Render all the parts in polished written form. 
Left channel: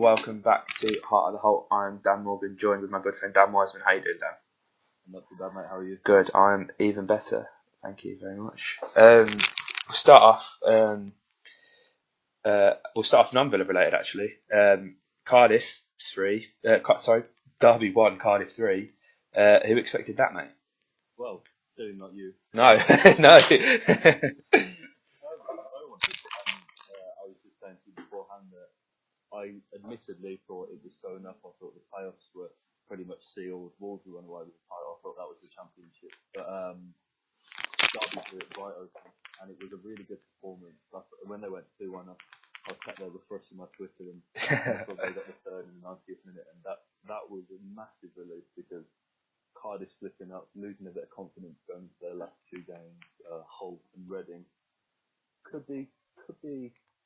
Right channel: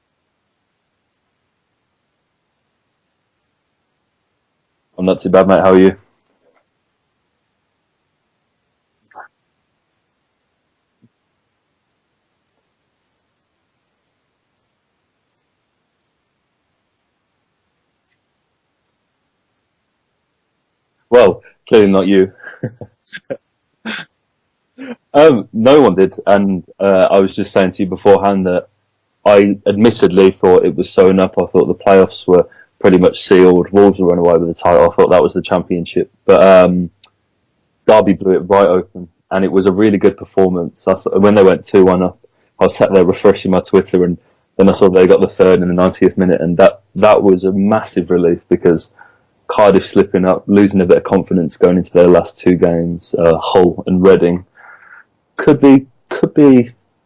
welcome back to Heart of the Holte. I'm Dan Morgan, joined with my good friend Dan Wiseman. How you doing, Dan? I'm not too bad, mate. How are you? Good. I'm even better. Thank you very much. We'll start off. We'll start off non-Villa related, actually. Cardiff 3. Derby 1, Cardiff 3. Who expected that, mate? Well, clearly not you. No, no. No one did, and I was just saying to you beforehand that I admittedly thought it was sewn up. I thought the playoffs were pretty much sealed. Wolves were running away with the title. I thought that was the championship, but Derby blew it right open, and it was a really good performance. When they went 2-1 up, I was sat there refreshing my Twitter, and then I saw they got the third in the 90th minute, and that was a massive relief because Cardiff slipping up, losing a bit of confidence going into their last two games, Hull and Reading, could be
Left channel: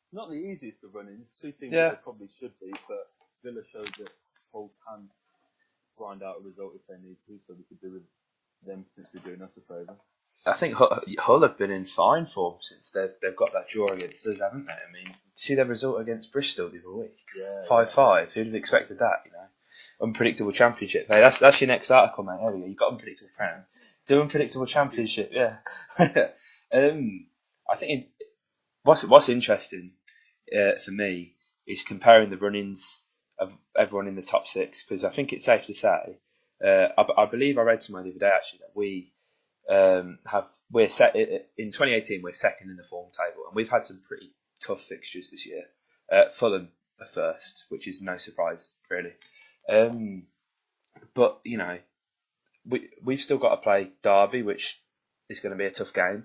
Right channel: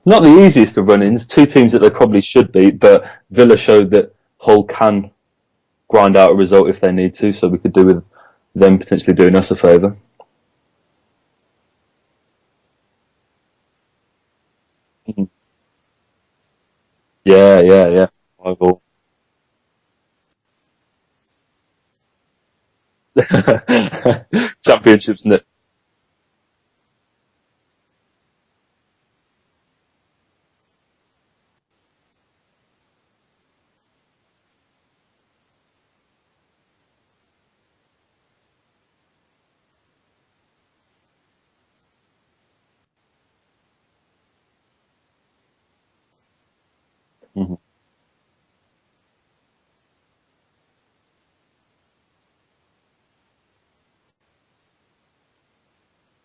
not the easiest of run-ins. Two teams that they probably should beat, but Villa showed that Hull can grind out a result if they need to, so we could do with them potentially doing us a favour. I think Hull have been in fine form since they've got that draw against us, haven't they? I mean, see their result against Bristol the other week. Yeah. Who would have expected that? You know, unpredictable championship. Hey, that's your next article, mate. There we go. You got unpredictable. Do unpredictable championship. Yeah. I think what's interesting for me is comparing the run-ins of everyone in the top six, because I think it's safe to say, I believe I read somewhere the other day actually that we're set in 2018. We're second in the form table, and we've had some pretty tough fixtures this year. Fulham are first, which is no surprise really. But you know, we've still got to play Derby, which is going to be a tough game.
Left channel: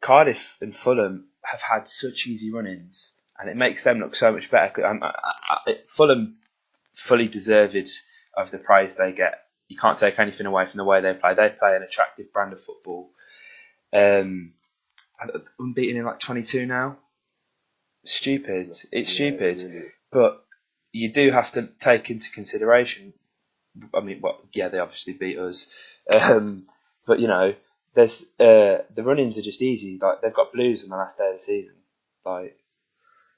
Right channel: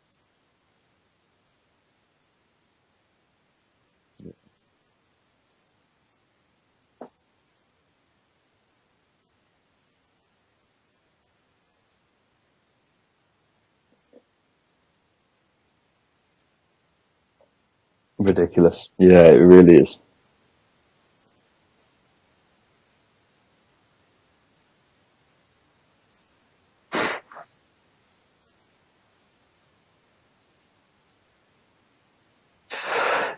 Cardiff and Fulham have had such easy run-ins, and it makes them look so much better. Fulham fully deserved of the praise they get. You can't take anything away from the way they play. They play an attractive brand of football. Unbeaten in like 22 now. Stupid. Ridiculous. It's stupid. It really is. But you do have to take into consideration. I mean, they obviously beat us, but you know, there's the run-ins are just easy. Like they've got Blues on the last day of the season.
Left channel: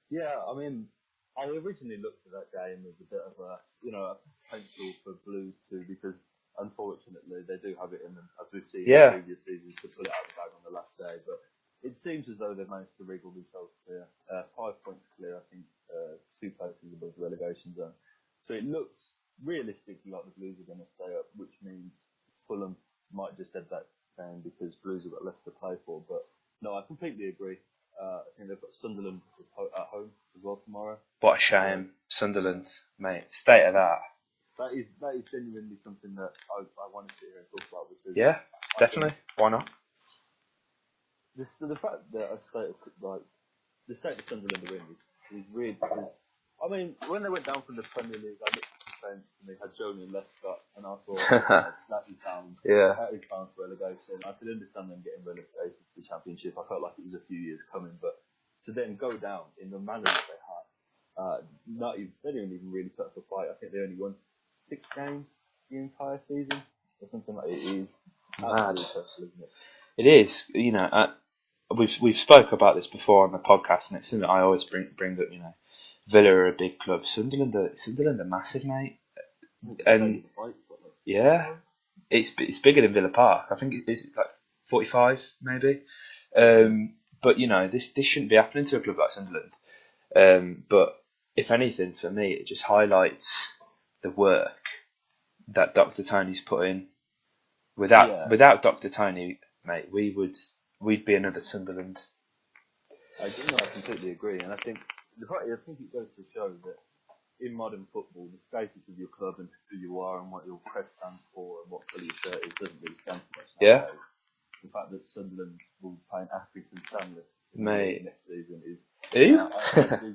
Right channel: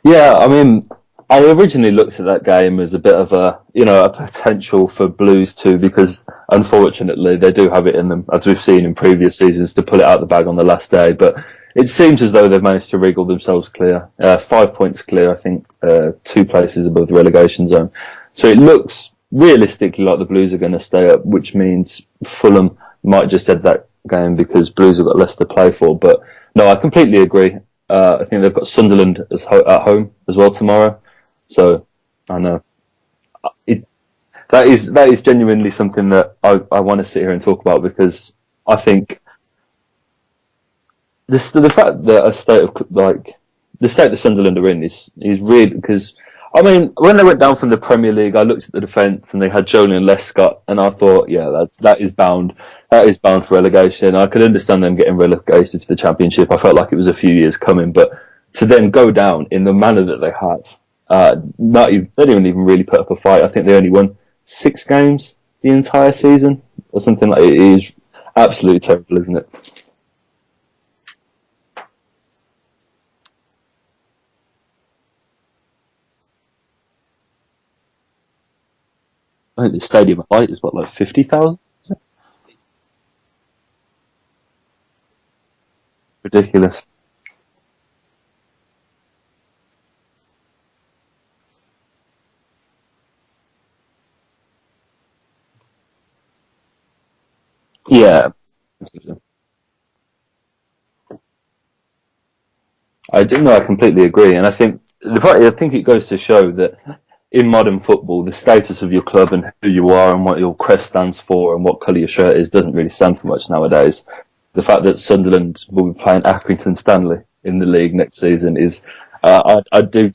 Yeah, I mean, I originally looked at that game as a bit of a potential for Blues too, because unfortunately they do have it in them, as we've seen in previous seasons, to pull it out the bag on the last day. But it seems as though they've managed to wriggle themselves clear. 5 points clear, I think, 2 places above the relegation zone. So it looks realistically like the Blues are going to stay up, which means Fulham might just head that game because Blues have got less to play for. But no, I completely agree. I think they've got Sunderland at home as well tomorrow. What a shame, Sunderland, mate. State of that. That is genuinely something that I want to sit here and talk about, because I think why not? The fact that the state that Sunderland are in is really, because I mean, when they went down from the Premier League, I looked at the defence and they had Jolie Lescott, and I thought, that is bound. That is bound for relegation. I could understand them getting relegated to the Championship. I felt like it was a few years coming, but to then go down in the manner that they have, they didn't even really put up a fight. I think they only won 6 games the entire season or something like it. It is absolutely terrible, isn't it? It is. You know, we've spoke about this before on the podcast, and it's something I always bring up. You know, Villa are a big club. Sunderland are massive, mate. I think the stadium height is like 50,000. It's bigger than Villa Park. I think it's like 45 maybe. Ridiculous. But you know, this shouldn't be happening to a club like Sunderland. But if anything, for me, it just highlights the work that Dr. Tony's put in. Without Dr. Tony, mate, we'd be another Sunderland. I completely agree, and I think it goes to show that in modern football, the status of your club and who you are and what your crest stands for and what colour your shirt is doesn't really stand for much nowadays. The fact that Sunderland will be playing Accrington Stanley in the league next season is I do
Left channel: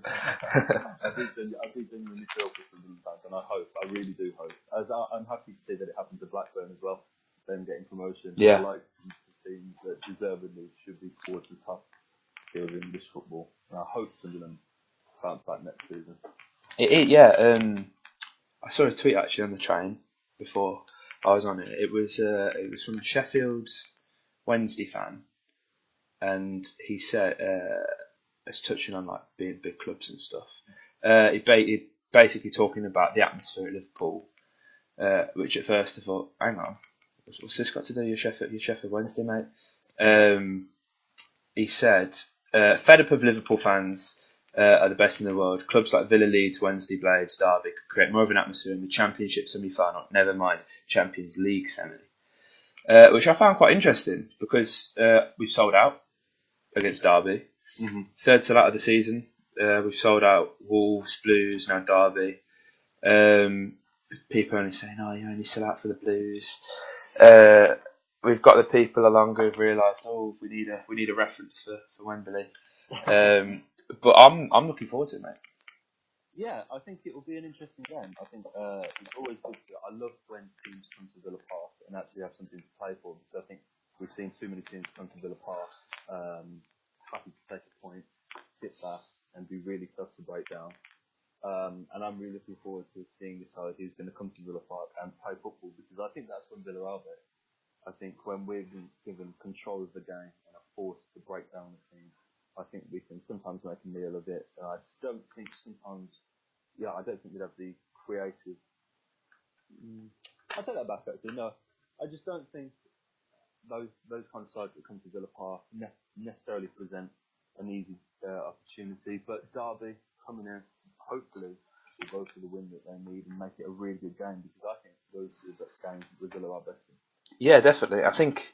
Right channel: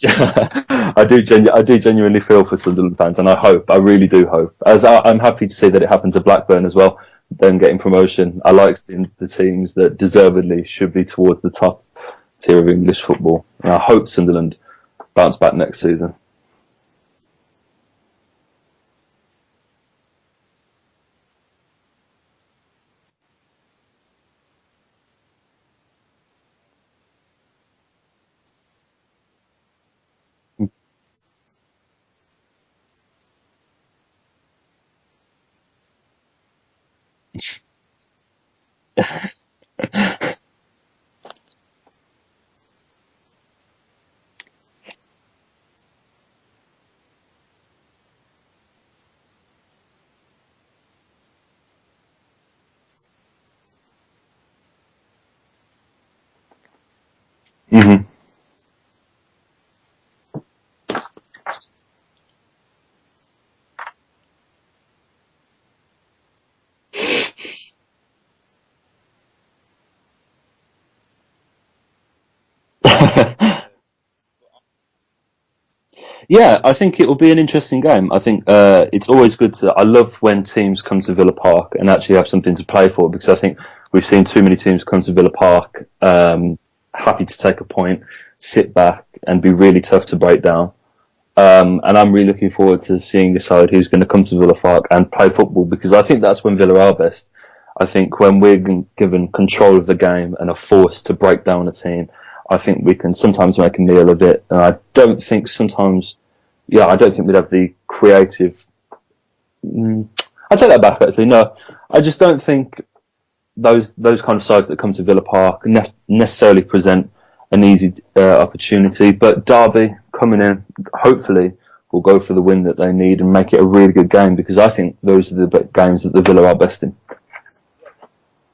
genuinely feel for Sunderland fans, and I really do hope, as I'm happy to see that it happened to Blackburn as well, them getting promotion. I like seeing the teams that deservedly should be towards the top tier of English football, and I hope Sunderland bounce back next season. I saw a tweet actually on the train before I was on it. It was from a Sheffield Wednesday fan, and he said, it's touching on like being big clubs and stuff. He basically talking about the atmosphere at Liverpool, which at first I thought, hang on, what's this got to do with your Sheffield Wednesday, mate? He said, fed up of Liverpool fans are the best in the world. Clubs like Villa, Leeds, Wednesday, Blades, Derby could create more of an atmosphere in the Championship semi-final, never mind Champions League semi. Which I found quite interesting because we've sold out against Derby. Mm-hmm. Third sellout of the season. We've sold out Wolves, Blues, now Derby. People only saying, "Oh, you only sell out for the Blues." We've got the people along who've realised, "Oh, we need a reference for Wembley." But I'm looking forward to it, mate. Yeah, I think it will be an interesting game. I think it's always good to. I love when teams come to Villa Park and actually have something to play for, because I think we've seen too many teams come to Villa Park happy to take a point, sit back, and be really tough to break down. And I'm really looking forward to seeing the side who's going to come to Villa Park and play football, because I think that's when Villa are best. I think when we're given control of the game and are forced to break down a team, I think we can sometimes make a meal of it. And I don't think sometimes, I don't think we'd have the creative. I take that back, actually. No, I just don't think those kind of sides that come to Villa Park necessarily present an easy opportunity. But Derby coming in, hopefully, will go for the win that they need and make it a really good game, because I think those are the games that the Villa are best in. Yeah, definitely. I think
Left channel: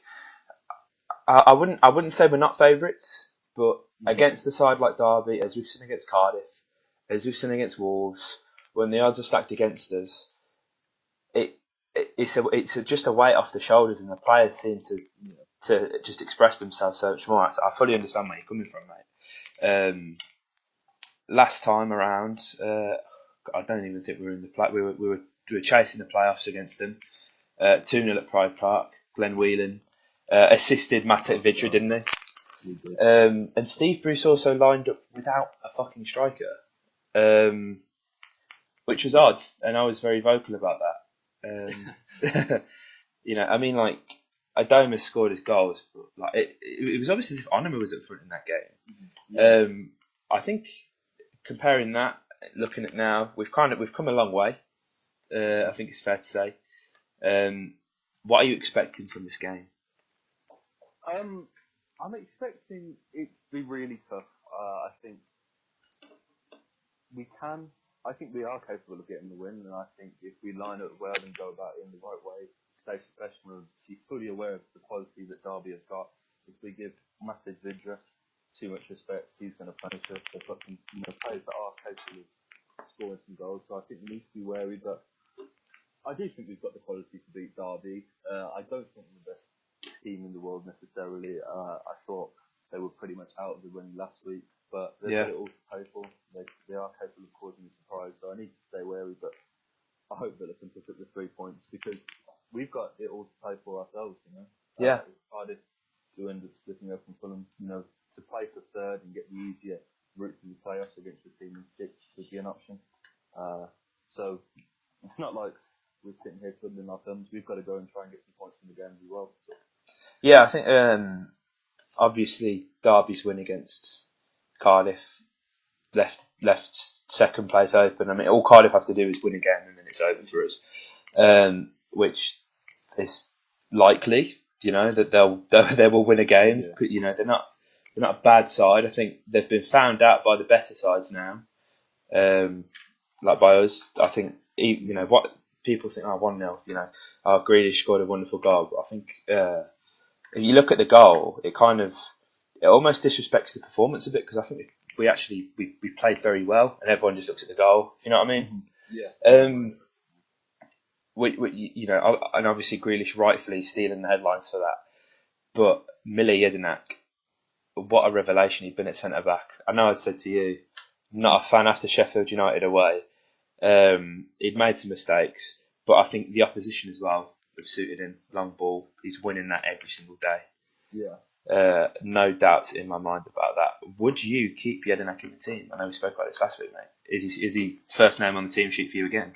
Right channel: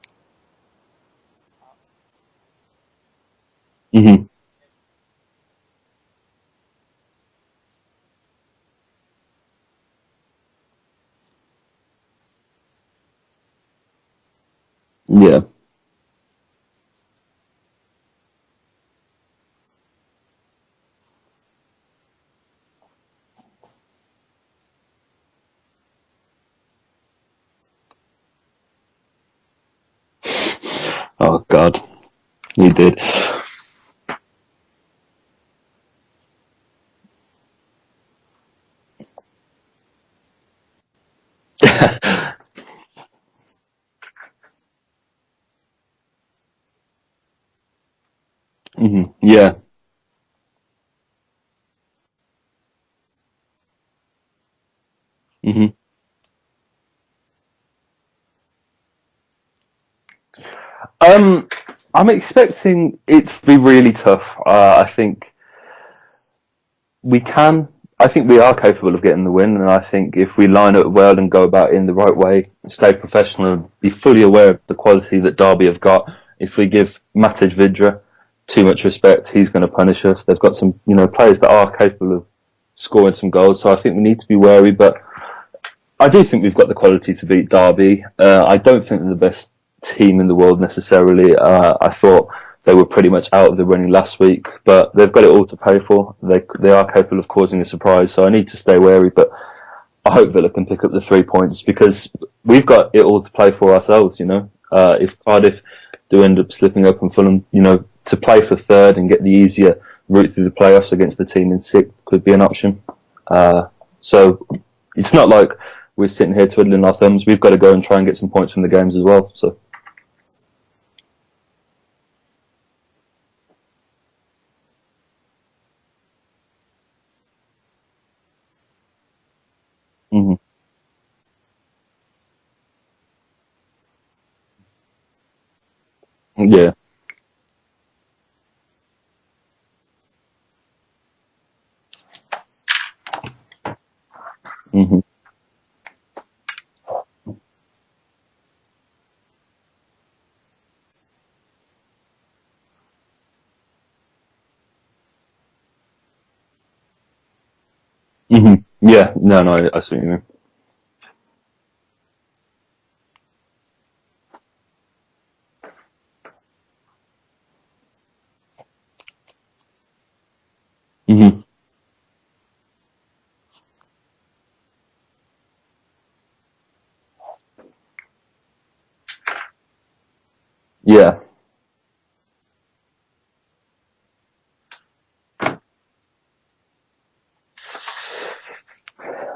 I wouldn't say we're not favourites, but against a side like Derby, as we've seen against Cardiff, as we've seen against Wolves, when the odds are stacked against us, it's just a weight off the shoulders, and the players seem to just express themselves so much more. I fully understand where you're coming from, mate. Last time around, I don't even think we were in the play. We were chasing the playoffs against them. 2-0 at Pride Park. Glenn Whelan assisted Matip Vidra, didn't he? He did. And Steve Bruce also lined up without a fucking striker, which was odd, and I was very vocal about that. I mean, like, Adoma scored his goals, but like it was obvious as if Onuma was up front in that game. Mm-hmm. Yeah. I think comparing that, looking at now, we've come a long way. I think it's fair to say. What are you expecting from this game? I'm expecting it to be really tough. I think we are capable of getting the win, and I think if we line up well and go about it in the right way, stay professional and be fully aware of the quality that Derby have got, if we give Matej Vidra too much respect, he's going to punish us. They've got some, players that are capable of scoring some goals, so I think we need to be wary, but I do think we've got the quality to beat Derby. I don't think they're the best team in the world necessarily. I thought they were pretty much out of the running last week, but they've got it all to pay for. They are capable of causing a surprise, so I need to stay wary, but I hope Villa can pick up the 3 points, because we've got it all to play for ourselves, If Cardiff do end up slipping up and Fulham, to play for third and get the easier route through the playoffs against the team in sixth could be an option. So it's not like we're sitting here twiddling our thumbs. We've got to go and try and get some points from the games as well. So, yeah, I think obviously Derby's win against Cardiff left second place open. I mean, all Cardiff have to do is win again, and then it's over for us. Which is likely, that they will win again. Yeah. They're not a bad side. I think they've been found out by the better sides now. Like by us, I think even what people think, 1-0, Grealish scored a wonderful goal, but I think if you look at the goal, it almost disrespects the performance a bit, because I think we played very well, and everyone just looks at the goal. You know what I mean? Yeah, no, I see what you mean. And obviously Grealish rightfully stealing the headlines for that, but Mile Jedinak, what a revelation he'd been at centre back. I know I said to you, not a fan after Sheffield United away. He'd made some mistakes, but I think the opposition as well have suited him. Long ball, he's winning that every single day. Yeah. No doubts in my mind about that. Would you keep Jedinak in the team? I know we spoke about this last week, mate. Is he first name on the team sheet for you again?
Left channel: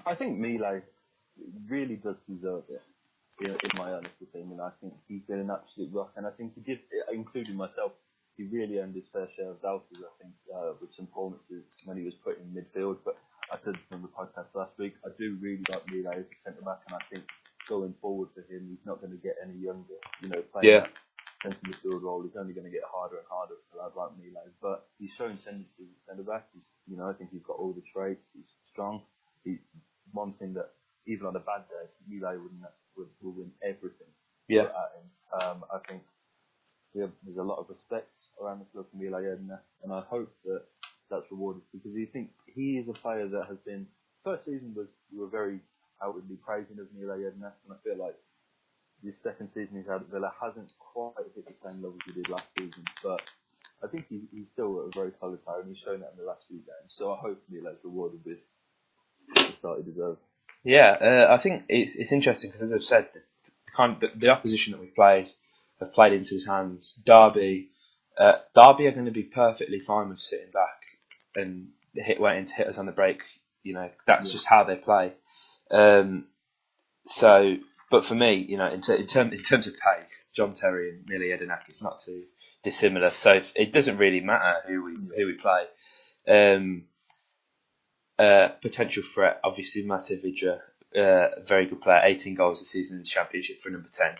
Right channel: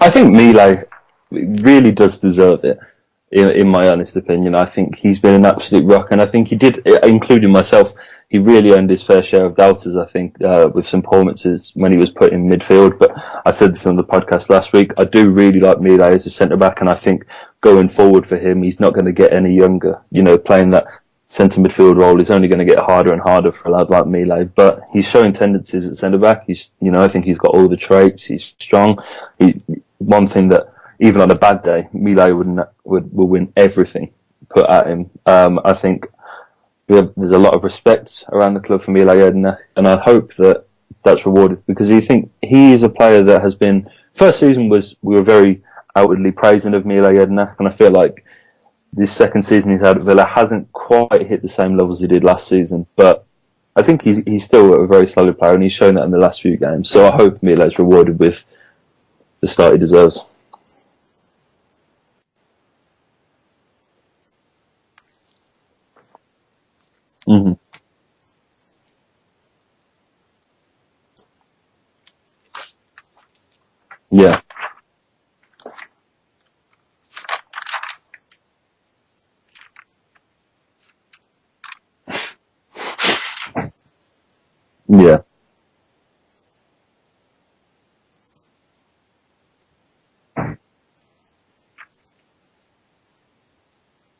I think Mile really does deserve it, in my honest opinion. I think he's been an absolute rock, and I think he did, including myself, he really earned his fair share of doubters, I think, with some performances when he was put in midfield. But I said this on the podcast last week, I do really like Mile as a centre-back, and I think going forward for him, he's not going to get any younger. Playing Yeah, that centre midfield role is only going to get harder and harder for a lad like Mile. But he's showing tendencies at centre-back. I think he's got all the traits. He's strong. One thing that, even on a bad day, Mile will win everything put yeah, at him. I think there's a lot of respect around the club for Mile Jedinak, and I hope that that's rewarded, because you think he is a player that has been. First season we were very outwardly praising of Mile Jedinak, and I feel like this second season he's had at Villa hasn't quite hit the same levels he did last season, but I think he's still a very solid player, and he's shown that in the last few games. So I hope Mile's rewarded with the start he deserves. yeah. I think it's interesting because, as I've said, the opposition that we've played have played into his hands. Mm-hmm. Derby are going to be perfectly fine with sitting back and waiting to hit us on the break. That's Yeah. just how they play. So, but for me, in terms of pace, John Terry and Millie Edinak, it's not too dissimilar. So it doesn't really matter Yeah. who we play. Potential threat, obviously, Mate Vidra, very good player, 18 goals this season in the Championship for number 10.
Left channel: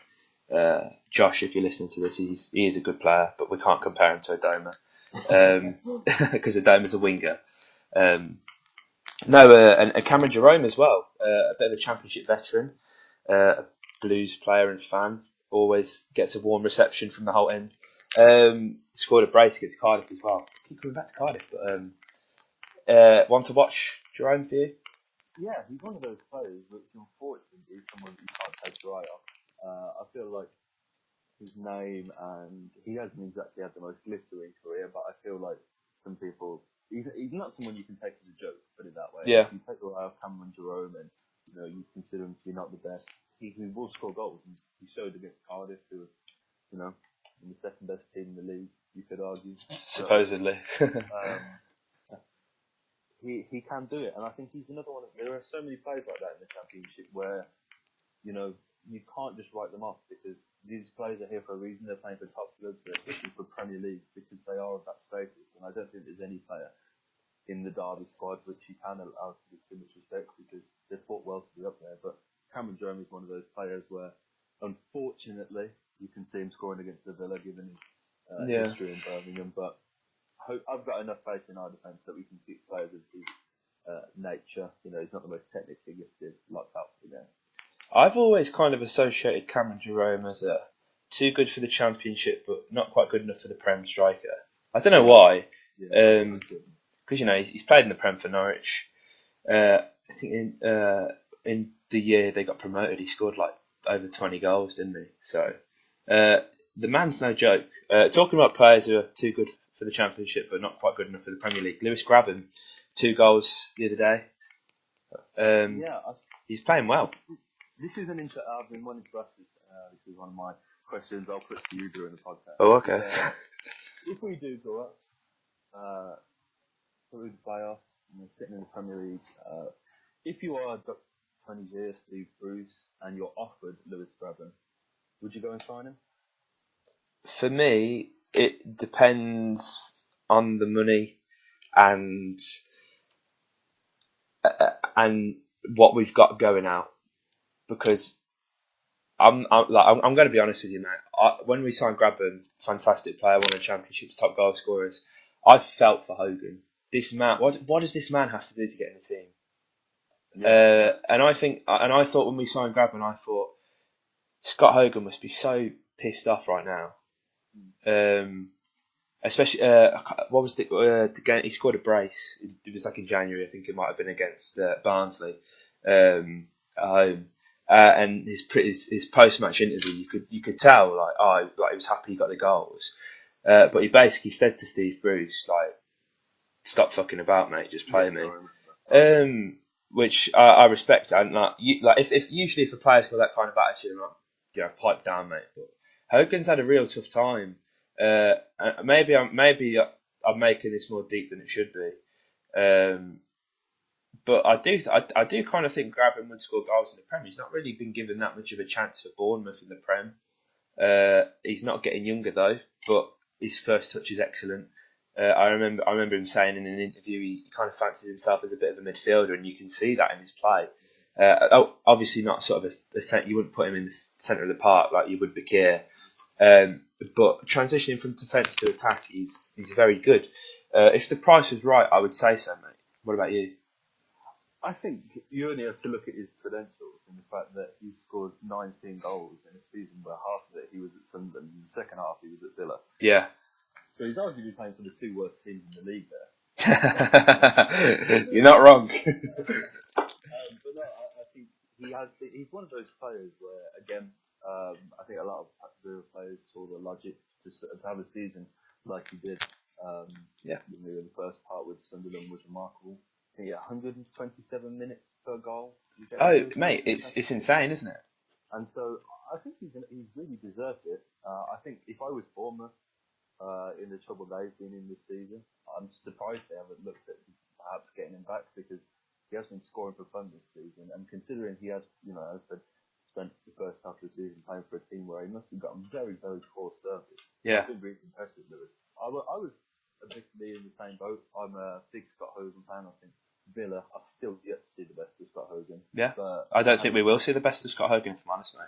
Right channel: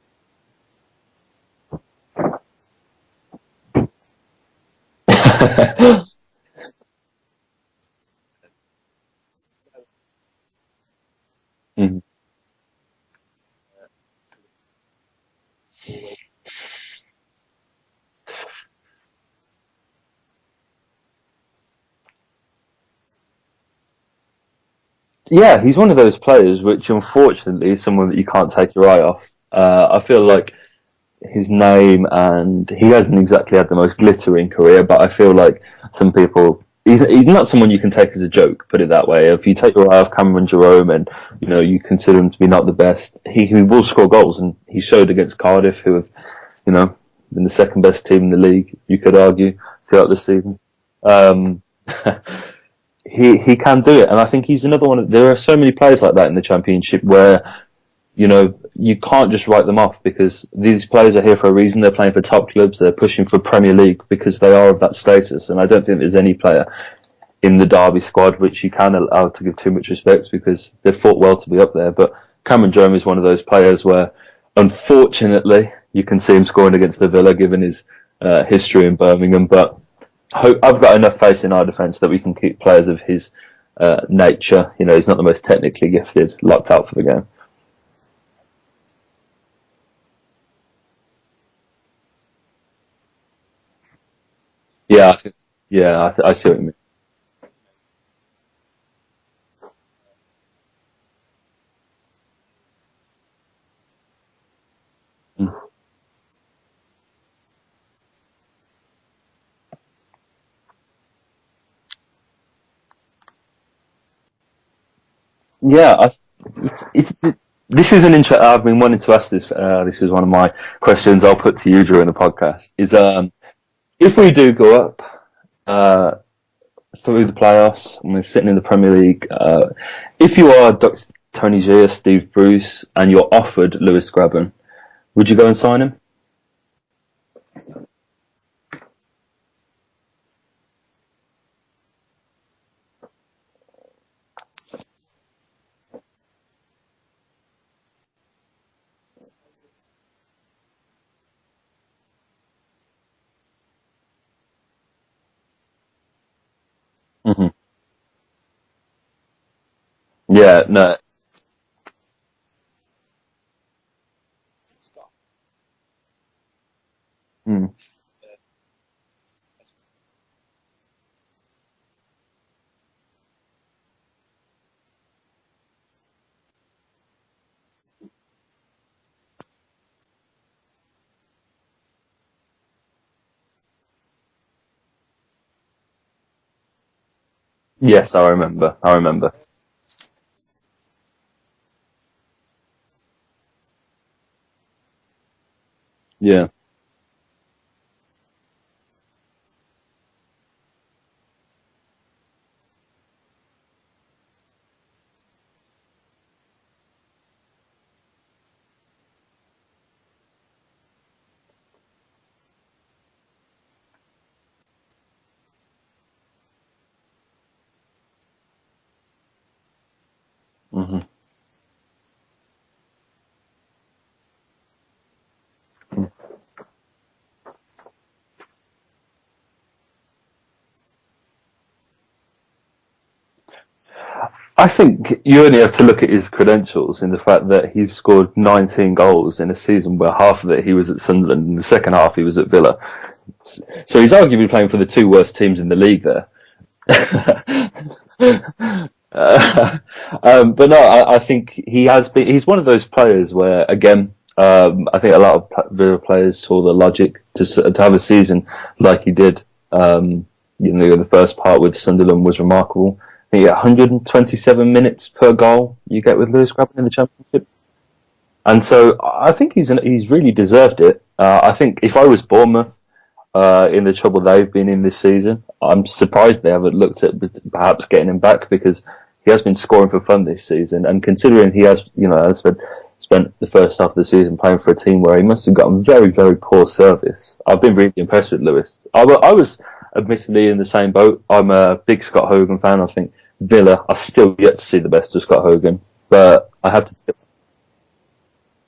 Josh, if you're listening to this, he is a good player, but we can't compare him to Adoma because Adoma's a winger. And Cameron Jerome as well, a bit of a Championship veteran, a Blues player and fan, always gets a warm reception from the whole end. Scored a brace against Cardiff as well. Keep coming back to Cardiff, but want to watch Jerome for you? Yeah, he's one of those players which, unfortunately, is someone that you can't take your eye off. I feel like his name, and he hasn't exactly had the most glittering career, but I feel like some people. He's not someone you can take as a joke, put it that way. Yeah. If you take your eye off Cameron Jerome and you consider him to be not the best, he will score goals, and he showed against Cardiff, who have been the second best team in the league, you could argue, throughout the season. He can do it, and I think he's another one. There are so many players like that in the Championship where you can't just write them off, because these players are here for a reason. They're playing for top clubs. They're pushing for Premier League because they are of that status. And I don't think there's any player in the Derby squad which you can allow to give too much respect, because they've fought well to be up there. But Cameron Jerome is one of those players where, unfortunately, you can see him scoring against the Villa, given his history in Birmingham. But I've got enough faith in our defence that we can keep players of his nature. He's not the most technically gifted, locked out for the game. I've always kind of associated Cameron Jerome as too good for the Championship, but not quite good enough for the Prem striker. I don't know why. Yeah, I see what you mean. Because he's played in the Prem for Norwich. I think in the year they got promoted, he scored like over 20 goals, didn't he? So the man's no joke. Talking about players who are too good for the Championship, but not quite good enough for the Premier League. Lewis Gabban, 2 goals the other day. He's playing well. This is an I've been wanting to ask this. This is one of my questions I'll put to you during the podcast. Oh, okay. Is if we do go up through the playoffs and we're sitting in the Premier League, if you are Dr. Tony G or Steve Bruce and you're offered Lewis Gabban, would you go and sign him? For me, it depends on the money and what we've got going out. Because I'm going to be honest with you, mate. When we signed Gabban, fantastic player, one of the Championship's top goal scorers, I felt for Hogan. This man, what does this man have to do to get in the team? Yeah, no. And I thought when we signed Gabban, I thought Scott Hogan must be so pissed off right now. Especially what was the game? He scored a brace. It was like in January, I think it might have been against Barnsley at home. And his post match interview, you could tell he was happy he got the goals, but he basically said to Steve Bruce stop fucking about, mate. Just yes, play, I remember. Which I respect. And if a player's got that kind of attitude, pipe down, mate. But Hogan's had a real tough time. Maybe I'm making this more deep than it should be. But I do kind of think Gabban would score goals in the Prem. He's not really been given that much of a chance for Bournemouth in the Prem. He's not getting younger though, but his first touch is excellent. I remember him saying in an interview he kind of fancies himself as a bit of a midfielder, and you can see that in his play. Obviously not sort of you wouldn't put him in the centre of the park like you would Bakir, but transitioning from defence to attack, he's very good. If the price was right, I would say so, mate. What about you? I think you only have to look at his credentials in the fact that he scored 19 goals in a season where half of it he was at Sunderland and the second half he was at Villa. Yeah. So he's arguably playing for the two worst teams in the league there. You're not wrong. But no, I think he's one of those players where, again, I think a lot of Villa players saw the logic to have a season like he did. The first part with Sunderland was remarkable. I think 127 minutes per goal you get with Lewis Grabban in the Championship. It's insane, isn't it? And so I think he's really deserved it. I think if I was Bournemouth, in the trouble they've been in this season, I'm surprised they haven't looked at perhaps getting him back, because he has been scoring for fun this season. And considering he has, as I said, spent the first half of the season playing for a team where he must have gotten very, very poor service. Yeah. I've been really impressed with Lewis. I was admittedly in the same boat. I'm a big Scott Hogan fan. I think Villa are still yet to see the best of Scott Hogan. Yeah. But I don't think we will see the best of Scott Hogan, if I'm honest, mate.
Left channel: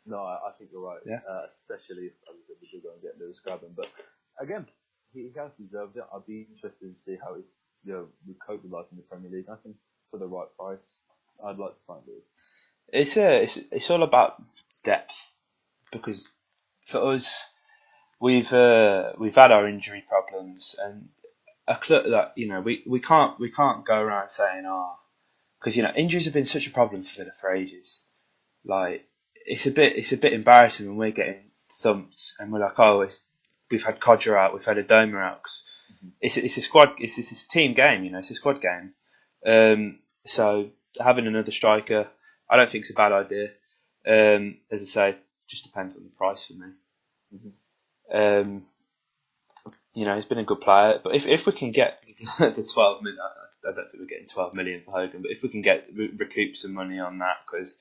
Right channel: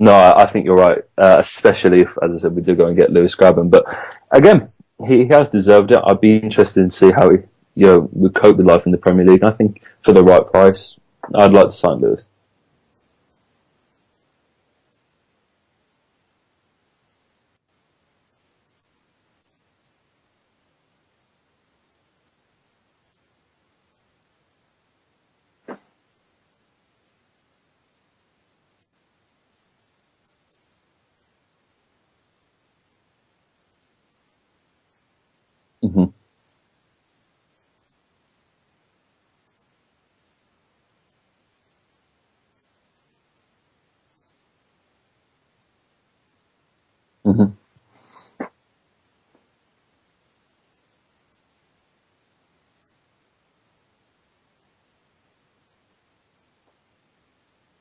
No, I think you're right, especially if, as I said, we do go and get Lewis Grabban. But again, he has deserved it. I'd be interested to see how he would cope with life in the Premier League. I think for the right price, I'd like to sign Lewis. It's all about depth, because for us, we've had our injury problems, and a club that we can't go around saying because injuries have been such a problem for Villa for ages. Like it's a bit embarrassing when we're getting thumped and we're like, we've had Codger out, we've had Adoma out. It's a squad, it's a team game, it's a squad game. So having another striker, I don't think it's a bad idea. As I say, it just depends on the price for me. He's been a good player, but if we can get the 12 million, I don't think we're getting 12 million for Hogan, but if we can recoup some money on that, because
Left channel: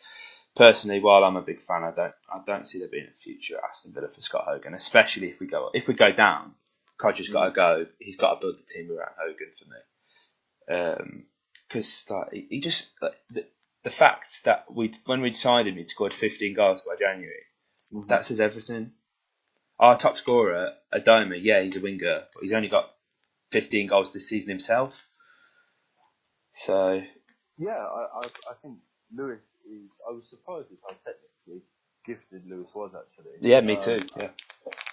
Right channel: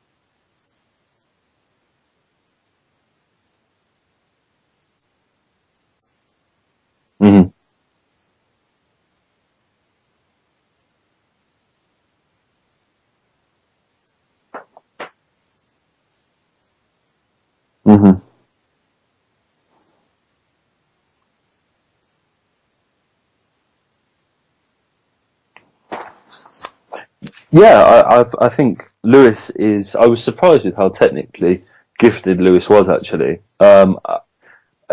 personally, while I'm a big fan, I don't see there being a future at Aston Villa for Scott Hogan, especially if we go down. Codger's got to go. He's got to build the team around Hogan for me, because he just the fact that when we signed him, he'd scored 15 goals by January. That says everything. Our top scorer, Adoma, he's a winger, but he's only got 15 goals this season himself. So I think Lewis is. I was surprised with how technically gifted Lewis was, actually. Yeah, me too.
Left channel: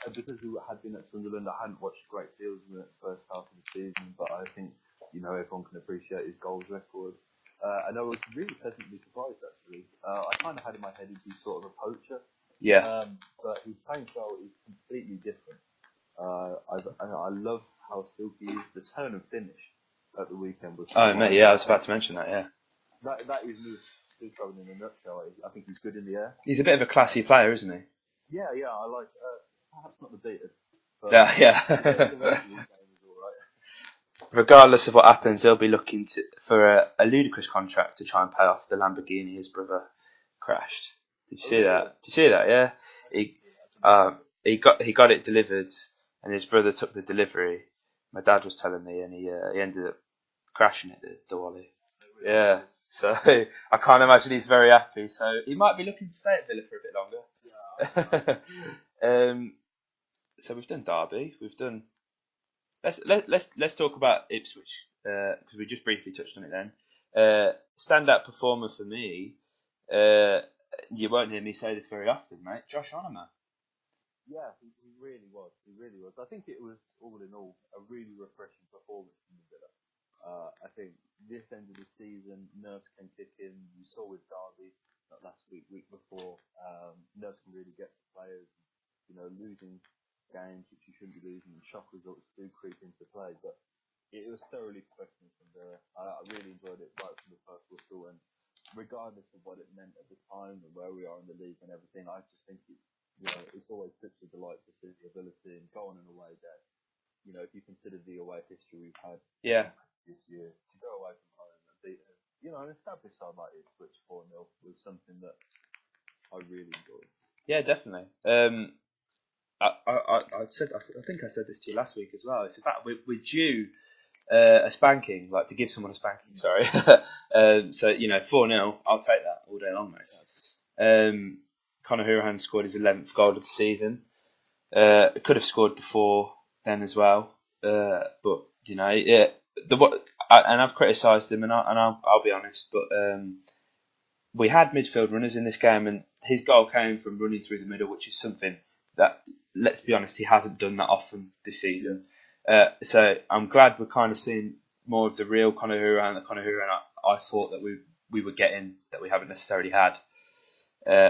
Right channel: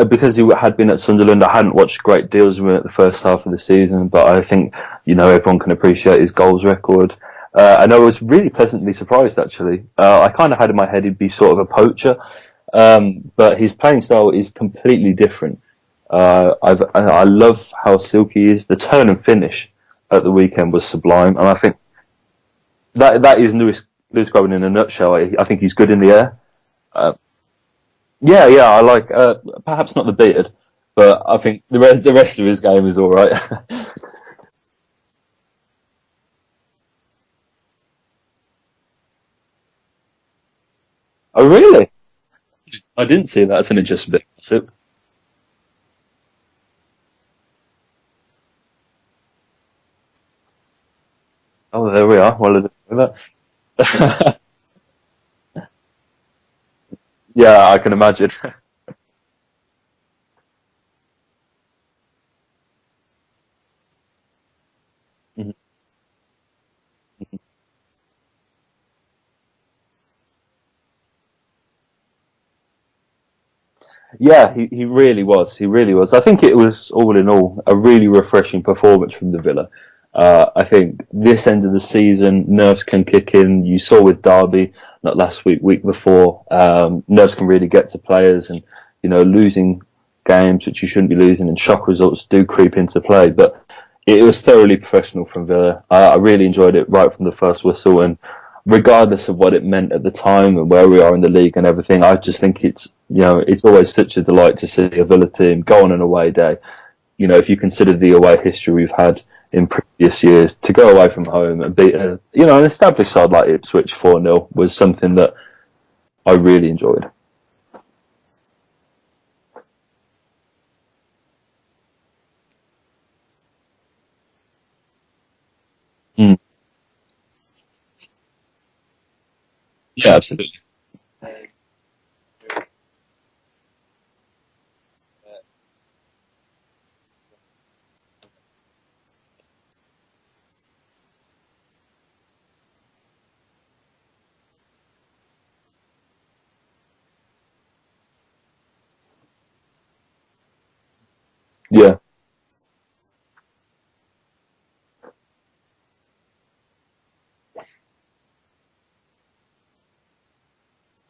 Because he had been at Sunderland, I hadn't watched great deals of him at the first half of the season, but I think everyone can appreciate his goals record. And I was really pleasantly surprised, actually. I kind of had in my head he'd be sort of a poacher. But his playing style is completely different. I love how silky he is. The turn and finish at the weekend was sublime. I was about to mention that. Yeah, that is Lewis Grabban in a nutshell. I think he's good in the air. He's a bit of a classy player, isn't he? Yeah. I like perhaps not the beard, but I think the rest of his game is all right. Regardless of what happens, he'll be looking for a ludicrous contract to try and pay off the Lamborghini his brother crashed. Oh, really? Did you see that? Yeah. I didn't see that. That's an interesting bit. He got it delivered, and his brother took the delivery. My dad was telling me, and he ended up crashing it, the Wally. Oh, there we are. Yeah. Well, so, I can't imagine he's very happy. So he might be looking to stay at Villa for a bit longer. Yeah, I can imagine. So we've done Derby. We've done. Let's talk about Ipswich. Because we just briefly touched on it then. Standout performer for me. You won't hear me say this very often, mate. Josh Onomah. Yeah, he really was. He really was. I think it was, all in all, a really refreshing performance from the Villa. I think this end of the season, nerves can kick in. You saw with Derby, not last week before, nerves can really get to players, and losing games which you shouldn't be losing, and shock results do creep into play. But it was thoroughly professional from Villa. I really enjoyed it right from the first whistle, and regardless of what it meant at the time and where we are in the league and everything, I just think it's always such a delight to see a Villa team go on an away day. If you consider the away history we've had in previous years, to go away from home and beat an established side like Ipswich 4-0 was something that I really enjoyed. Yeah, definitely. I think I said this to you last week as well. It's about we're due a spanking, like to give someone a spanking. Mm. Sorry. So 4-0. I'll take that all day long. Yeah, absolutely. Conor Hourihane scored his 11th goal of the season. Could have scored before then as well, but yeah. And I've criticised him, and I'll be honest, but we had midfield runners in this game, and his goal came from running through the middle, which is something that, let's be honest, he hasn't done that often this season. Yeah. So I'm glad we're kind of seeing more of the real Conor Hourihane, the Conor Hourihane I thought that we were getting, that we haven't necessarily had.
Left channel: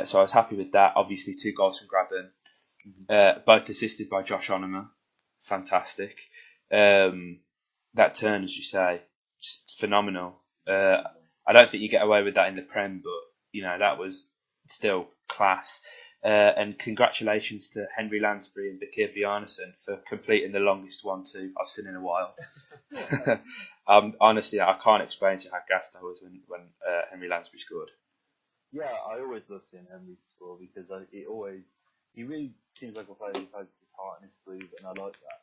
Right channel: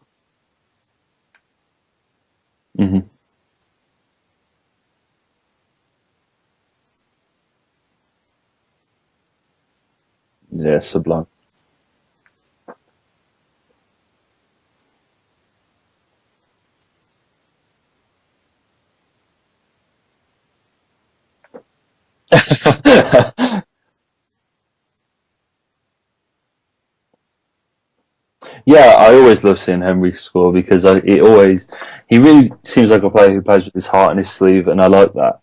So I was happy with that. Obviously, 2 goals from Gabban, both assisted by Josh Onomah. Fantastic. That turn, as you say, just phenomenal. Yeah, sublime. I don't think you get away with that in the Prem, but that was still class. And congratulations to Henry Lansbury and Bakir Bjarnason for completing the longest 1-2 I've seen in a while. Honestly, I can't explain to you how gassed I was when Henry Lansbury scored. Yeah, I always love seeing Henry score because he really seems like a player who plays with his heart in his sleeve, and I like that.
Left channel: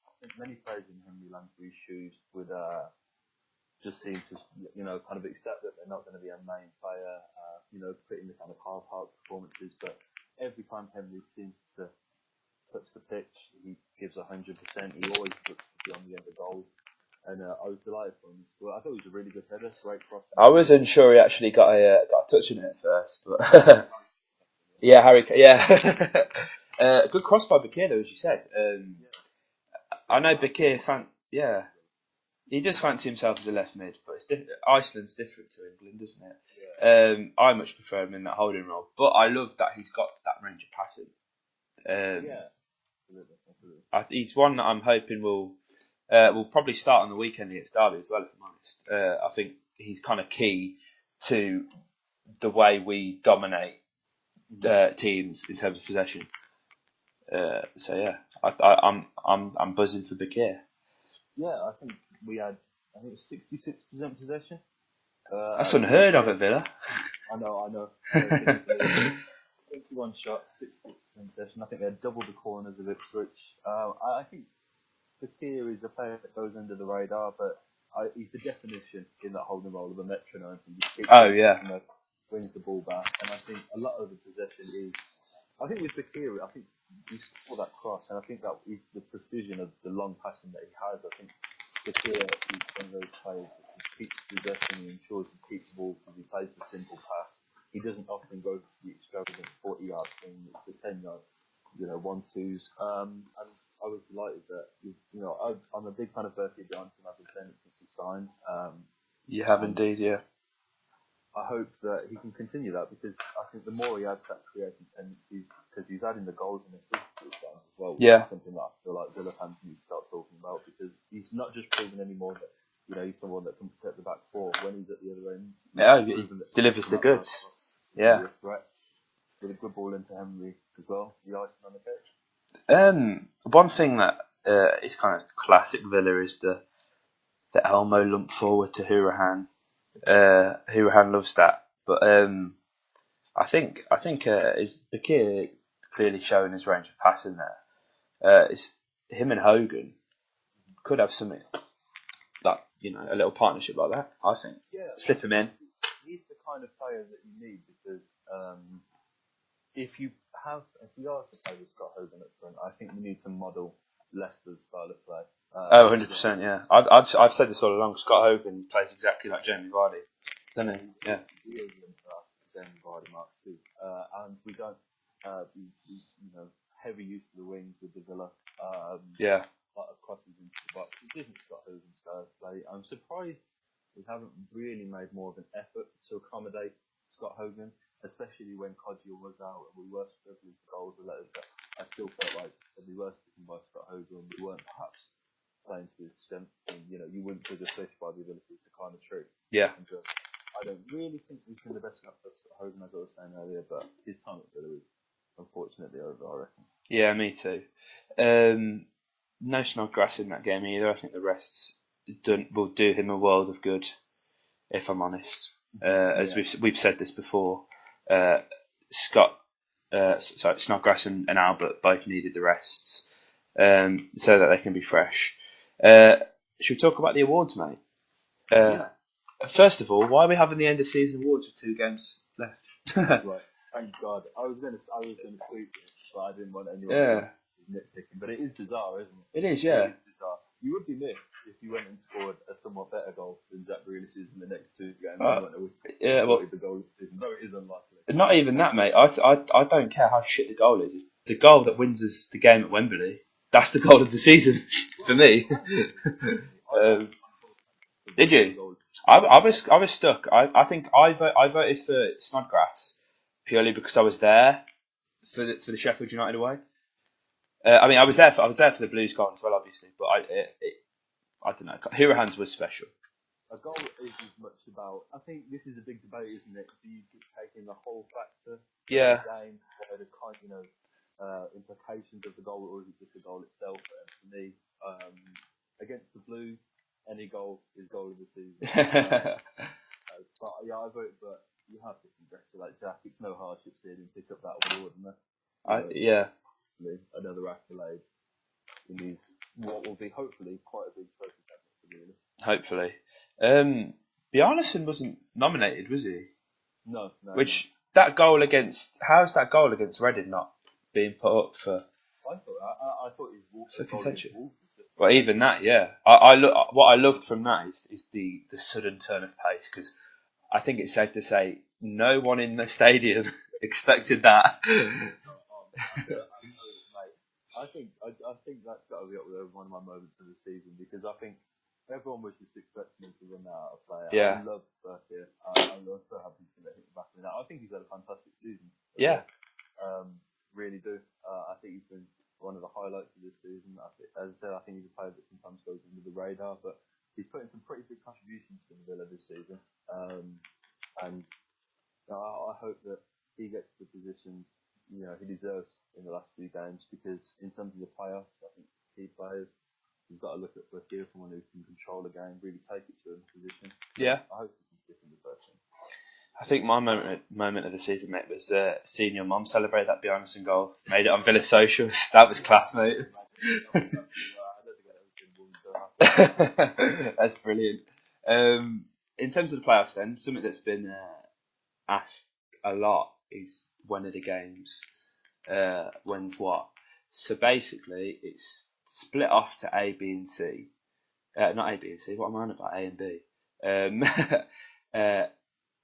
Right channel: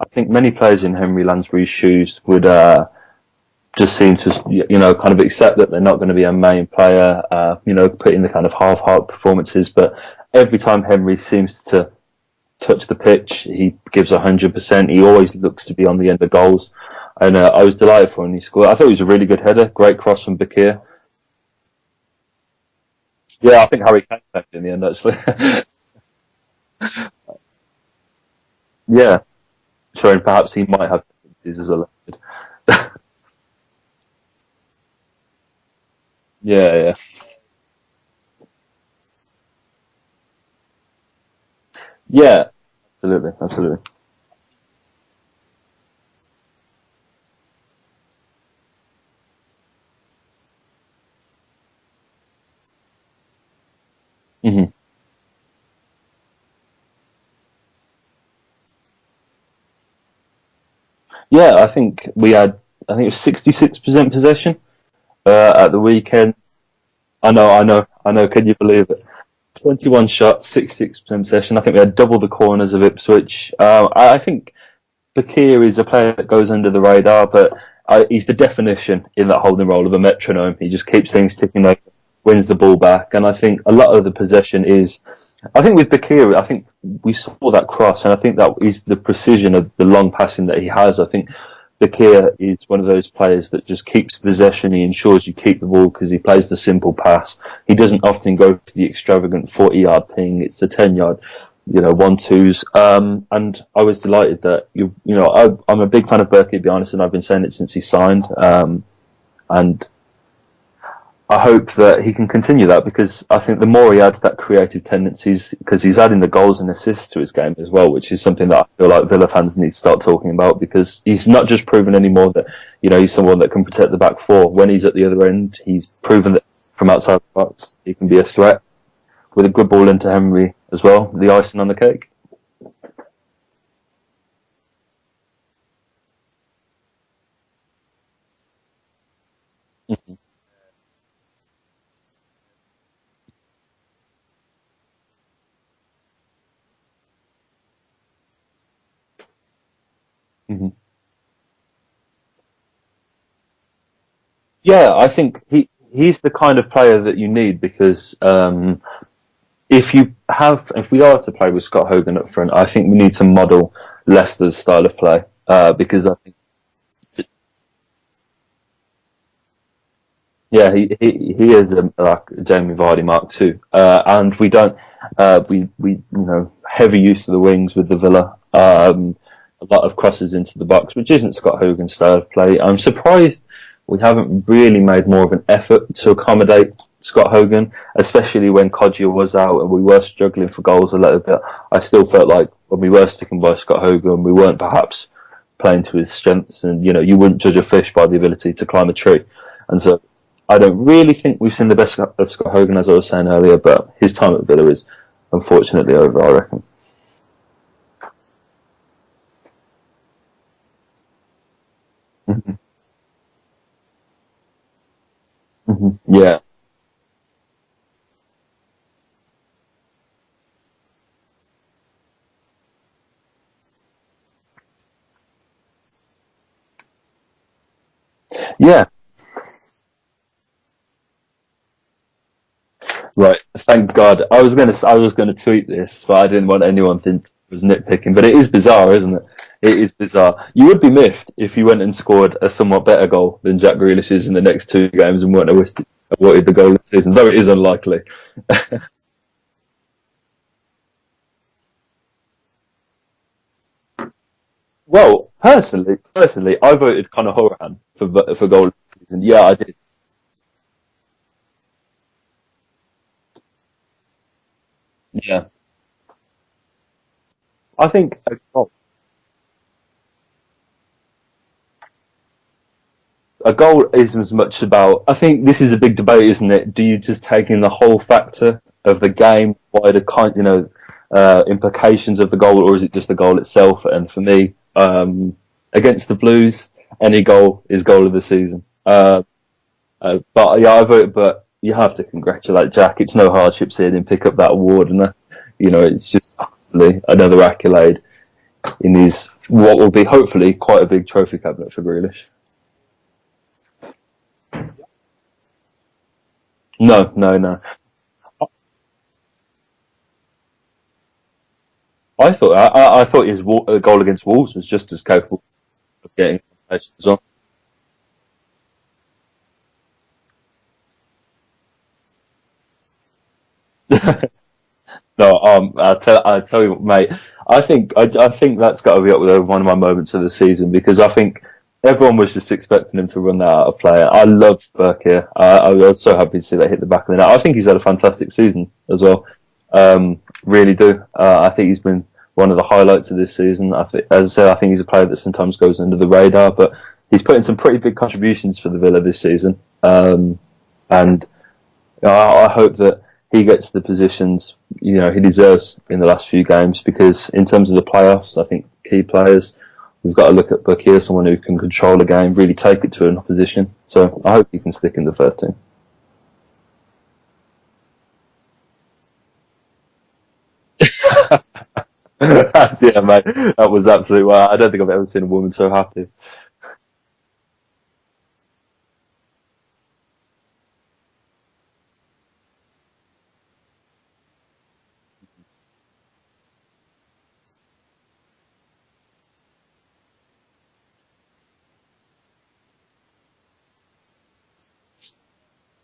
I think many players in Henry Lansbury's shoes would just seem to, kind of accept that they're not going to be a main player, put in the kind of half-heart performances. But every time Henry seems to touch the pitch, he gives 100%. He always looks to be on the end of goals. And I was delighted for him when he scored. I thought it was a really good header, great cross from Bakir. I wasn't sure he actually got a touch in it at first. But yeah, I think Harry Kane back in the end. Good cross by Bakir, though, as you said. Yeah, showing perhaps Bakir he might have as a left mid. He does fancy himself as a left mid, but Iceland's different to England, isn't it? Yeah. I much prefer him in that holding role, but I love that he's got that range of passing. Yeah, absolutely. He's one that I'm hoping will probably start on the weekend against Derby as well, if I'm honest. I think he's kind of key to the way we dominate teams in terms of possession. So yeah, I'm buzzing for Bakir. Yeah, I think it was 66% possession at the weekend. Villa. I know. Can you believe it? 21 shots, 66% possession. I think we had double the corners of Ipswich. I think Bakir is a player that goes under the radar, but he's the definition in that holding role of a metronome. He just keeps things ticking over, wins the ball back, and I think a lot of the possession is. I think with Bakir, I think we saw that cross, and I think that is the precision of the long passing that he has. I think Bakir is one of those players that just keeps possession. He ensures you keep the ball because he plays the simple pass. He doesn't often go for the extravagant 40-yard ping. It's the 10-yard, 1-2s. And I was delighted that I'm a big fan of Bakir Bjarnason. I've been saying it since he signed. Indeed, yeah. I hope that he can continue that because I think the more he adds that creative tendencies, because he's adding the goals and assists to his game as well, which is something that I feel like Villa fans need to start talking about because he's not just proven anymore that he's someone that can protect the back four. When he's at the other end, he's proven that from outside the box he can be a threat with a good ball into Henry as well. The icing on the cake. One thing that is kind of classic Villa is the Elmo lump forward to Hourihane. Hourihane loves that, but I think is Bakir clearly showing his range of passing there. It's him and Hogan could have something like a little partnership like that. I think. Yeah, I think he's the kind of player that you need because if we are to play with Scott Hogan up front, I think we need to model Leicester's style of play. Because 100%, yeah. I've said this all along. Scott Hogan plays exactly like Jamie Vardy. Yeah, he is like Jamie Vardy Mark II, and we don't we heavy use of the wings with the Villa. A lot of crosses into the box, which isn't Scott Hogan's style of play. I'm surprised we haven't really made more of an effort to accommodate Scott Hogan, especially when Kodjia was out and we were struggling for goals a little bit. I still felt like when we were sticking by Scott Hogan, we weren't perhaps playing to his strengths, and you wouldn't judge a fish by the ability to climb a tree. Yeah. And so I don't really think we've seen the best of Scott Hogan, as I was saying earlier, but his time at Villa is unfortunately over, I reckon. Yeah, me too. No Snodgrass in that game either. I think the rest will do him a world of good, if I'm honest. We've said this before. Scott Snodgrass and Albert both needed the rests, so that they can be fresh. Should we talk about the awards, mate? Yeah. First of all, why are we having the end of season awards with 2 games left? Right. Thank God. I was gonna tweet this, but I didn't want anyone to think Yeah, it was nitpicking. But it is bizarre, isn't it? it is. It Yeah, is bizarre. You would be miffed if you went and scored a somewhat better goal than Jack Grealish's in the next 2 games and weren't yeah. awarded the goal of the season, though it is unlikely. Not even that, mate. I don't care how shit the goal is. The goal that wins us the game at Wembley, that's the goal of the season for Well, me. personally, I voted Conor Horan Did for you? goal. I Yeah, I was did. I was stuck. I think I voted for Snodgrass purely because I was there Yeah, for the Sheffield United away. I I think was there. I was there for the Blues goal as well, obviously. But I don't know. Hurahan's was special. a goal isn't as much about. I think this is a big debate, isn't it? Do you just take in the whole factor of the Yeah, game, wider implications of the goal, or is it just the goal itself? And for me, against the Blues, any goal is goal of the season. But yeah, I vote. But you have to congratulate Jack. It's no hardship seeing him pick up that award, and it's yeah. just absolutely another accolade in his what will be hopefully quite a big trophy cabinet for Grealish. Hopefully, Bjarnason wasn't nominated, was he? No, no, no. Which that goal against how's that goal against Reading not being put up for? I thought his goal against Championship. Wolves was just as Well, capable. even that, yeah. Yeah, What I loved from that is the sudden turn of pace, because I think it's safe to say no one in the stadium expected that. No, I tell you, what, mate. I think that's got to be up with one of my moments of the season because I think everyone was just expecting him to run that out of play. I Yeah, love Burke here. I was so happy to see that hit the back of the net. I think he's had a fantastic season as yeah, well. Really do. I think he's been one of the highlights of this season. As I said, I think he's a player that sometimes goes under the radar, but he's put in some pretty big contributions for the Villa this season. And I hope that he gets the positions he deserves in the last few games because in terms of the playoffs, I think key players we've got to look at Bucky, someone who can control a game, really take it to an opposition. So yeah. I hope he can stick in the first team. I think my moment of the season, mate, was seeing your mum celebrate that Bjarnason goal. Made it a bit of socials. That was class, mate. Yeah, mate, that was absolutely well. I don't think I've ever seen a woman so happy. That's brilliant. In terms of the playoffs, then something that's been asked a lot is when are the games? When's what? So basically, it's split off to A, B, and C. Not A, B, and C. What am I on about? A and B.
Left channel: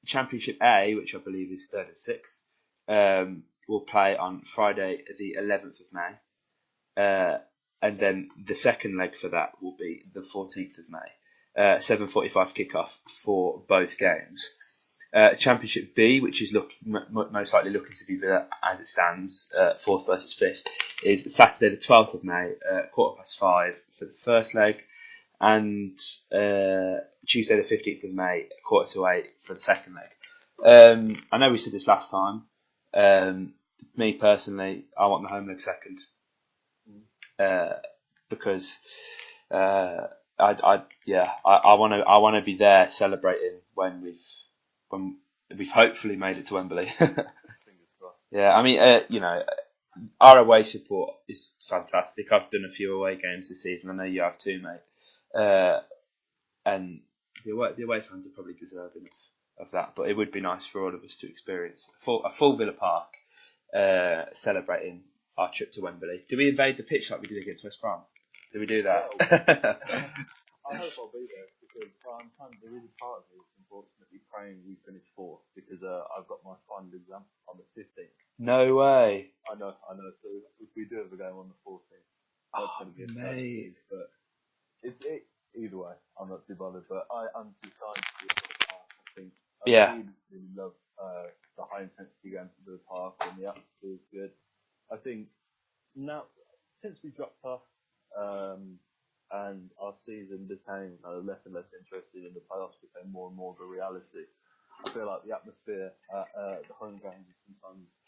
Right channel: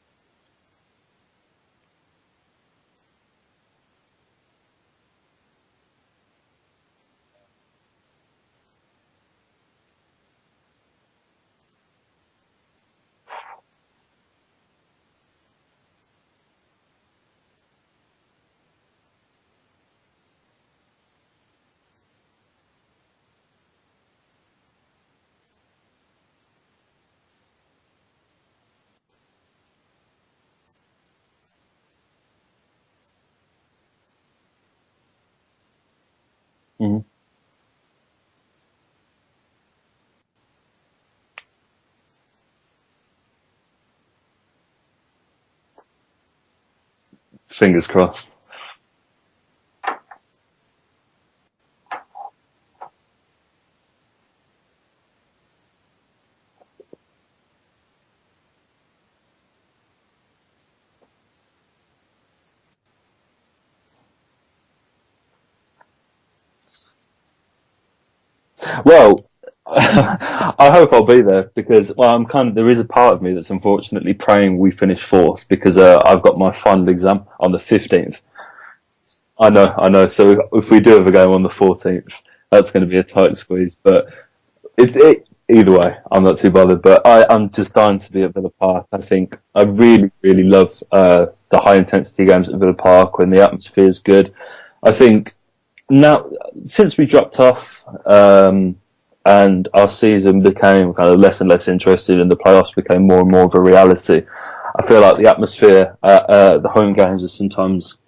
Championship A, which I believe is 3rd and 6th, will play on Friday, the 11th of May. And then the second leg for that will be the 14th of May. 7:45 kickoff for both games. Championship B, which is most likely looking to be Villa as it stands, 4th versus 5th, is Saturday the 12th of May, 5:15 for the first leg, and Tuesday the 15th of May, 7:45 for the second leg. I know we said this last time. Me personally, I want the home leg second. Mm-hmm. Because I want to be there celebrating when we've hopefully made it to Wembley. Fingers crossed. Yeah, I mean, our away support is fantastic. I've done a few away games this season. I know you have too, mate. And the away fans are probably deserving of that. But it would be nice for all of us to experience a full Villa Park celebrating our trip to Wembley. Do we invade the pitch like we did against West Brom? Well, I hope I'll be there because there is a part of me that's unfortunately praying we finish 4th because I've got my final exam on the 15th. No way. I know. So if we do have a game on the 14th, that's going to be a tight squeeze. But either way, I'm not too bothered. But I'm just dying to be at Villa Park. I think I really, really love the high intensity games at Villa Park when the atmosphere is good. I think now, since we dropped off and our season became kind of less and less interested and the playoffs became more and more of a reality, I feel like the atmosphere at the home games has sometimes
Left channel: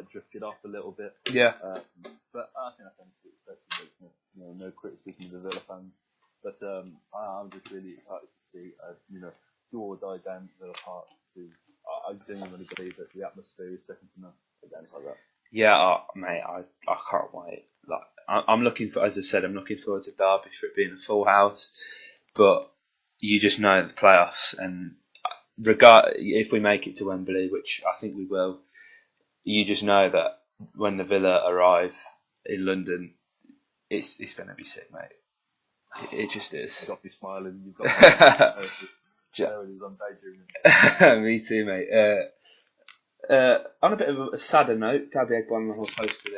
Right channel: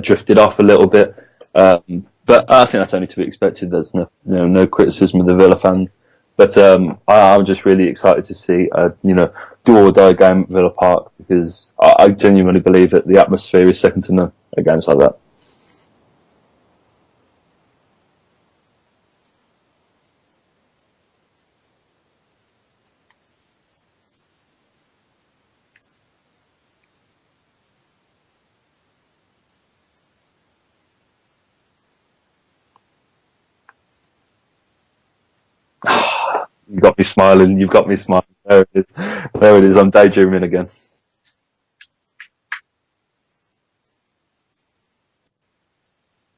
drifted off a little bit. Yeah. But I think that's only to be expected. There's no criticism of the Villa fans. But I'm just really excited to see do or die game at Villa Park because I genuinely believe that the atmosphere is second to none at games like that. Yeah, mate, I can't wait. Like, I'm looking for, as I've said, I'm looking forward to Derby for it being a full house. But you just know the playoffs, and regard if we make it to Wembley, which I think we will, you just know that when the Villa arrive in London, it's going to be sick, mate. It just You've is. got me smiling. You've got me smiling. There it is. There it is. I'm daydreaming again. Me too, mate. On a bit of a sadder note, Gabby Eggbon posted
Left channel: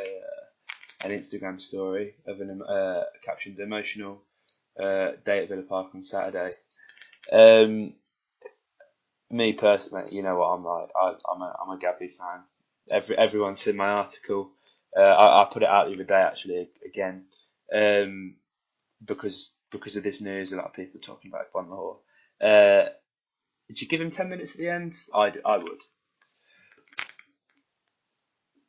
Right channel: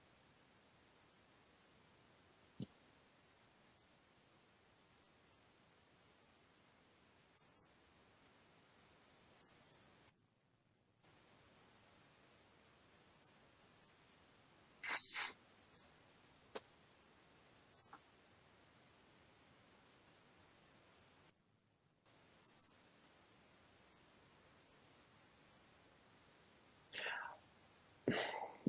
an Instagram story of an captioned emotional day at Villa Park on Saturday. Me personally, you know what I'm like. I'm a Gabby fan. Everyone's seen my article. I put it out the other day actually again, um, because of this news. A lot of people talking about Bon Lahore. Did you give him 10 minutes at the end? I would.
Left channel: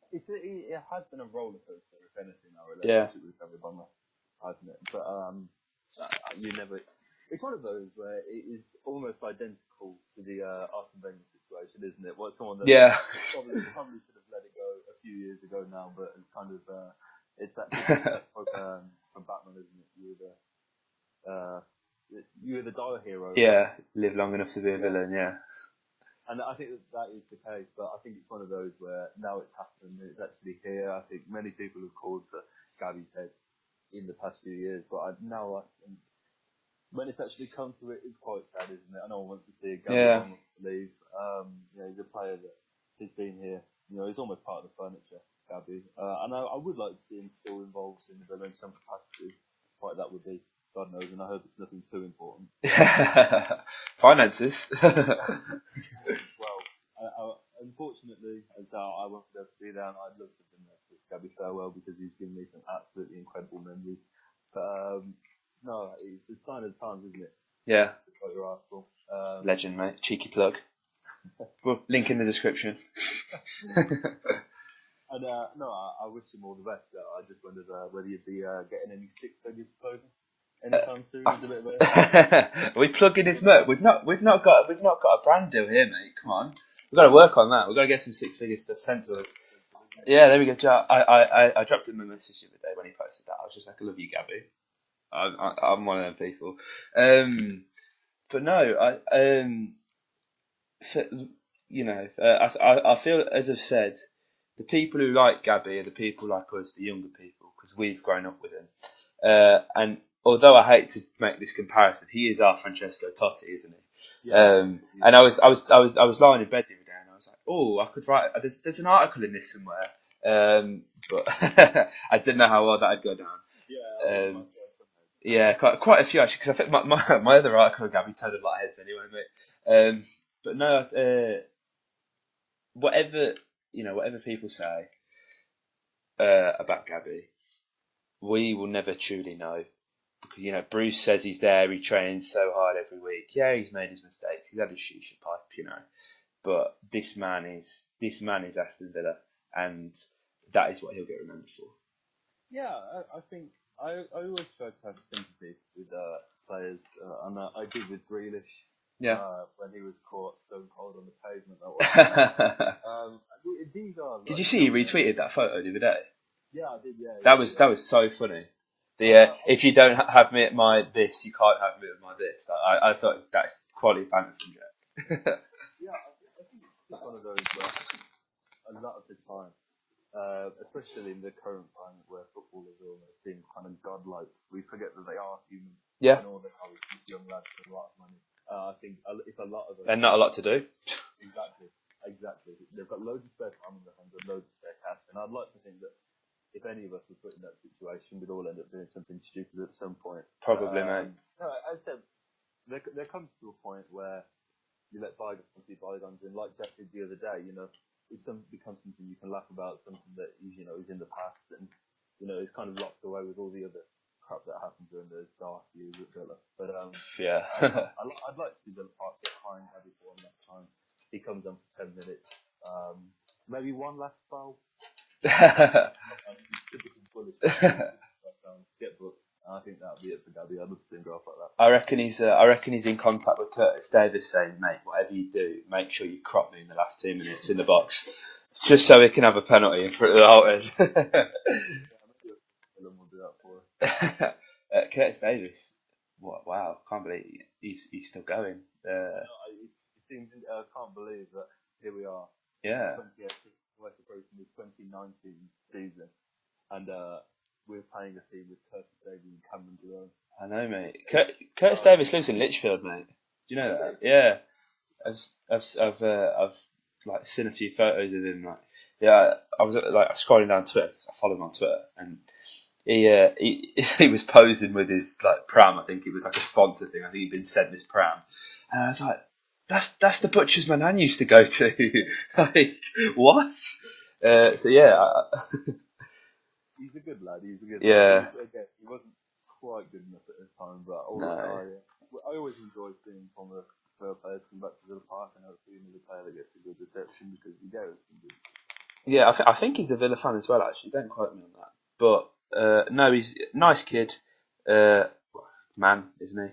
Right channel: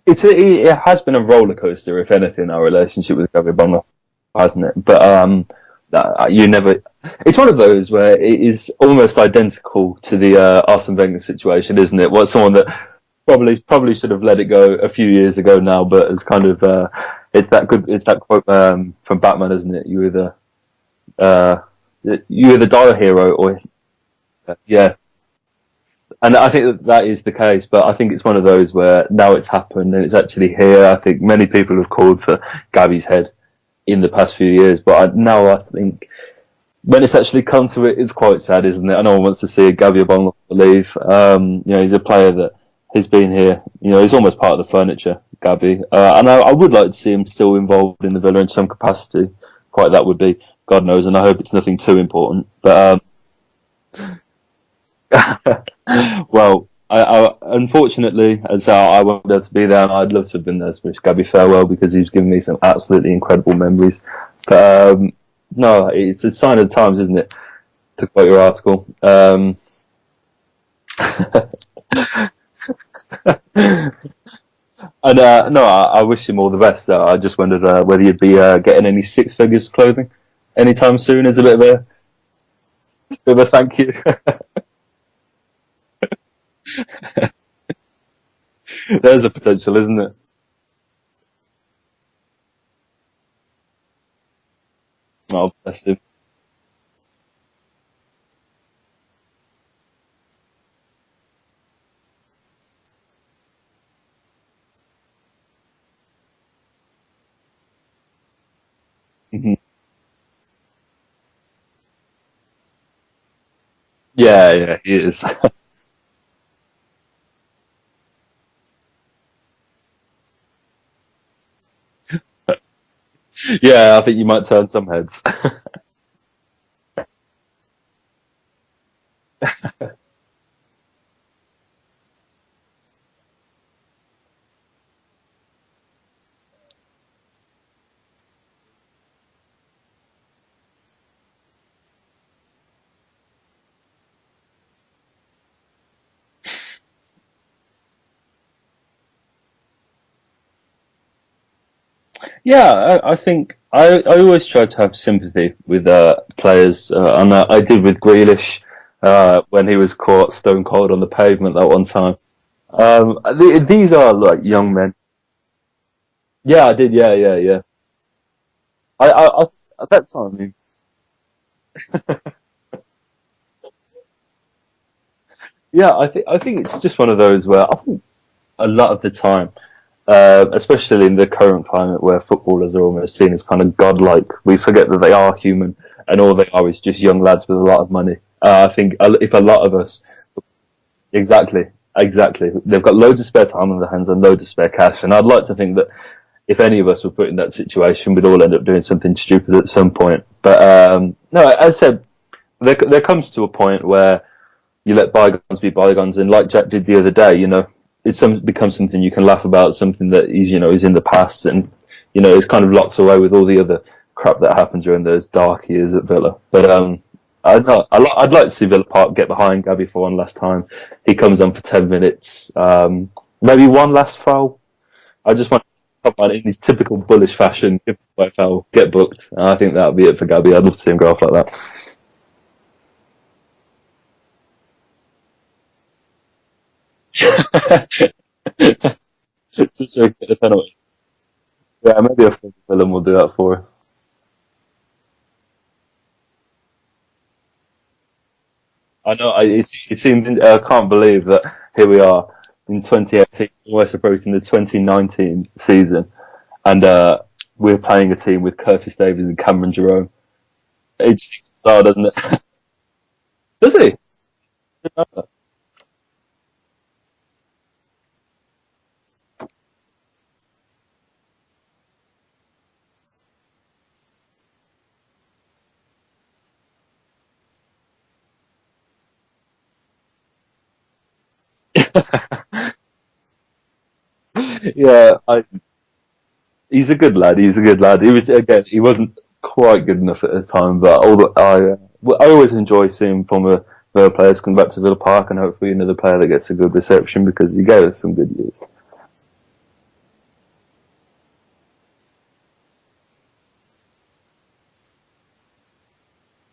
It has been a roller coaster, if anything, our Yeah, relationship with Gabby Bonner, hasn't it? But you never. It's one of those where it is almost identical to the Arsene Wenger situation, isn't it? What someone that yeah. probably should have let it go a few years ago now, but it's kind of it's that good. It's that quote from Batman, isn't it? Uh, you either die a hero or Yeah, live long enough to be a yeah. villain. Yeah, And I think that is the case, but I think it's one of those where now it's happened and it's actually here. I think many people have called for Gabby's head in the past few years, but now I think when it's actually come to it, it's quite sad, isn't it? No one wants to see a Gabby yeah, Bongo leave. He's a player that has been here. He's almost part of the furniture, Gabby. And I would like to see him still involved in the Villa in some capacity. Quite that would be, God knows, and I hope it's nothing too important. But finances. well, unfortunately, as I won't be able to be there, and I'd love to have been there to wish Gabby farewell because he's given me some absolutely incredible memories. But no, it's a sign of the times, isn't it? Yeah, To quote your article. legend, mate. Cheeky plug. Well, link in the description. And no, I wish him all the best. I just wondered whether you'd be getting any six figures clothing anytime soon as a bit of We plug in bit his of a work. thank you. We've not got a brand deal here, mate. Come on, we've got to work on that. We've got to get some six figure stuff. There's a potential, isn't it? Yeah, there we go. I dropped him a message the other day when he posted that. I was just like, I love you, Gabby. Oh, I'm one of them people. But no, f- I feel, as I've said, the people who like Gabby are the people like us, the younger people, because we've grown up with him. Mhm. And although I hate to make this comparison, he is our Francesco Totti, isn't he? Yeah, he And is. I was lying in bed the other day, and I was like, oh, I could write. There's an article in this somewhere, but I didn't know how well that'd go down. Yeah, I think you might turn some heads. Yeah, quite a few actually, because I think my other article on Gabby turned a lot of heads anyway, mate. But no, whatever whatever people say about Gabby, we will never truly know. Because, Bruce says he's there, he trains so hard every week. Yeah, he's made his mistakes, he's had his shisha pipe. But this man is Aston Villa, and that is what he'll get remembered for. Yeah, I think I always try to have sympathy with players, and I did with Grealish when he was caught stone cold on the pavement that one time. These are Did like you see he young men. retweeted that photo the other day? Yeah, I did. Yeah, yeah, That was yeah. that was so funny. I, I, I If you don't that's have me fine. at my this, you can't have me at my this. I thought that's quality banter from Joe. Yeah, I think it's just one of those where I think a lot of the time, especially in the current climate where footballers are almost seen as kind of godlike, we forget that they are human, Yeah, and all they are is just young lads with a lot of money. I think if a lot of us and not a lot to do. exactly, exactly, they've got loads of spare time on their hands and loads of spare cash, and I'd like to think that if any of us were put in that situation, we'd all end up doing something stupid at some point. But no, as I said, there comes to a point where you let bygones be bygones, and like Jack did the other day, becomes something you can laugh about, something that is in the past, and it's kind of locked away with all the other crap that happens during those dark years at Villa. But Yeah. I'd like to see Villa Park get behind Gabby for one last time. He comes on for 10 minutes, maybe one last foul, I just want to come on in his typical bullish fashion, give away foul, get booked. And I think that'll be it for Gabby. I'd love to see him go off like that. I reckon he's in contact with Curtis Davis, saying, "Mate, whatever you do, make sure you crop me in the last 2 minutes of the box, just so he can have a penalty." Yeah, maybe a film will do that for us. Curtis Davis, wow, can't believe he's still going. I know. It seems. I can't believe that here we are in 2018, almost approaching the 2019 season, and we're playing a team with Curtis Davis and Cameron Jerome. I know, mate. Curtis Davis lives in Lichfield, mate. Do you know Does he? Yeah. I've like seen a few photos of him. Like, yeah, I was like scrolling down Twitter because I follow him on Twitter, and he was posing with his like pram. I think it was like a sponsor thing. I think he'd been sent this pram, and I was like, that's the butcher's my nan used to go to. Like, what? He's a good lad. Yeah. He wasn't quite good enough at the time, but I always enjoy seeing former Villa players come back to Villa Park, and hopefully another player that gets a good reception because he gave us some good years. Yeah, I think he's a Villa fan as well. Actually, don't quote me on that, but no, he's a nice kid, man, isn't he?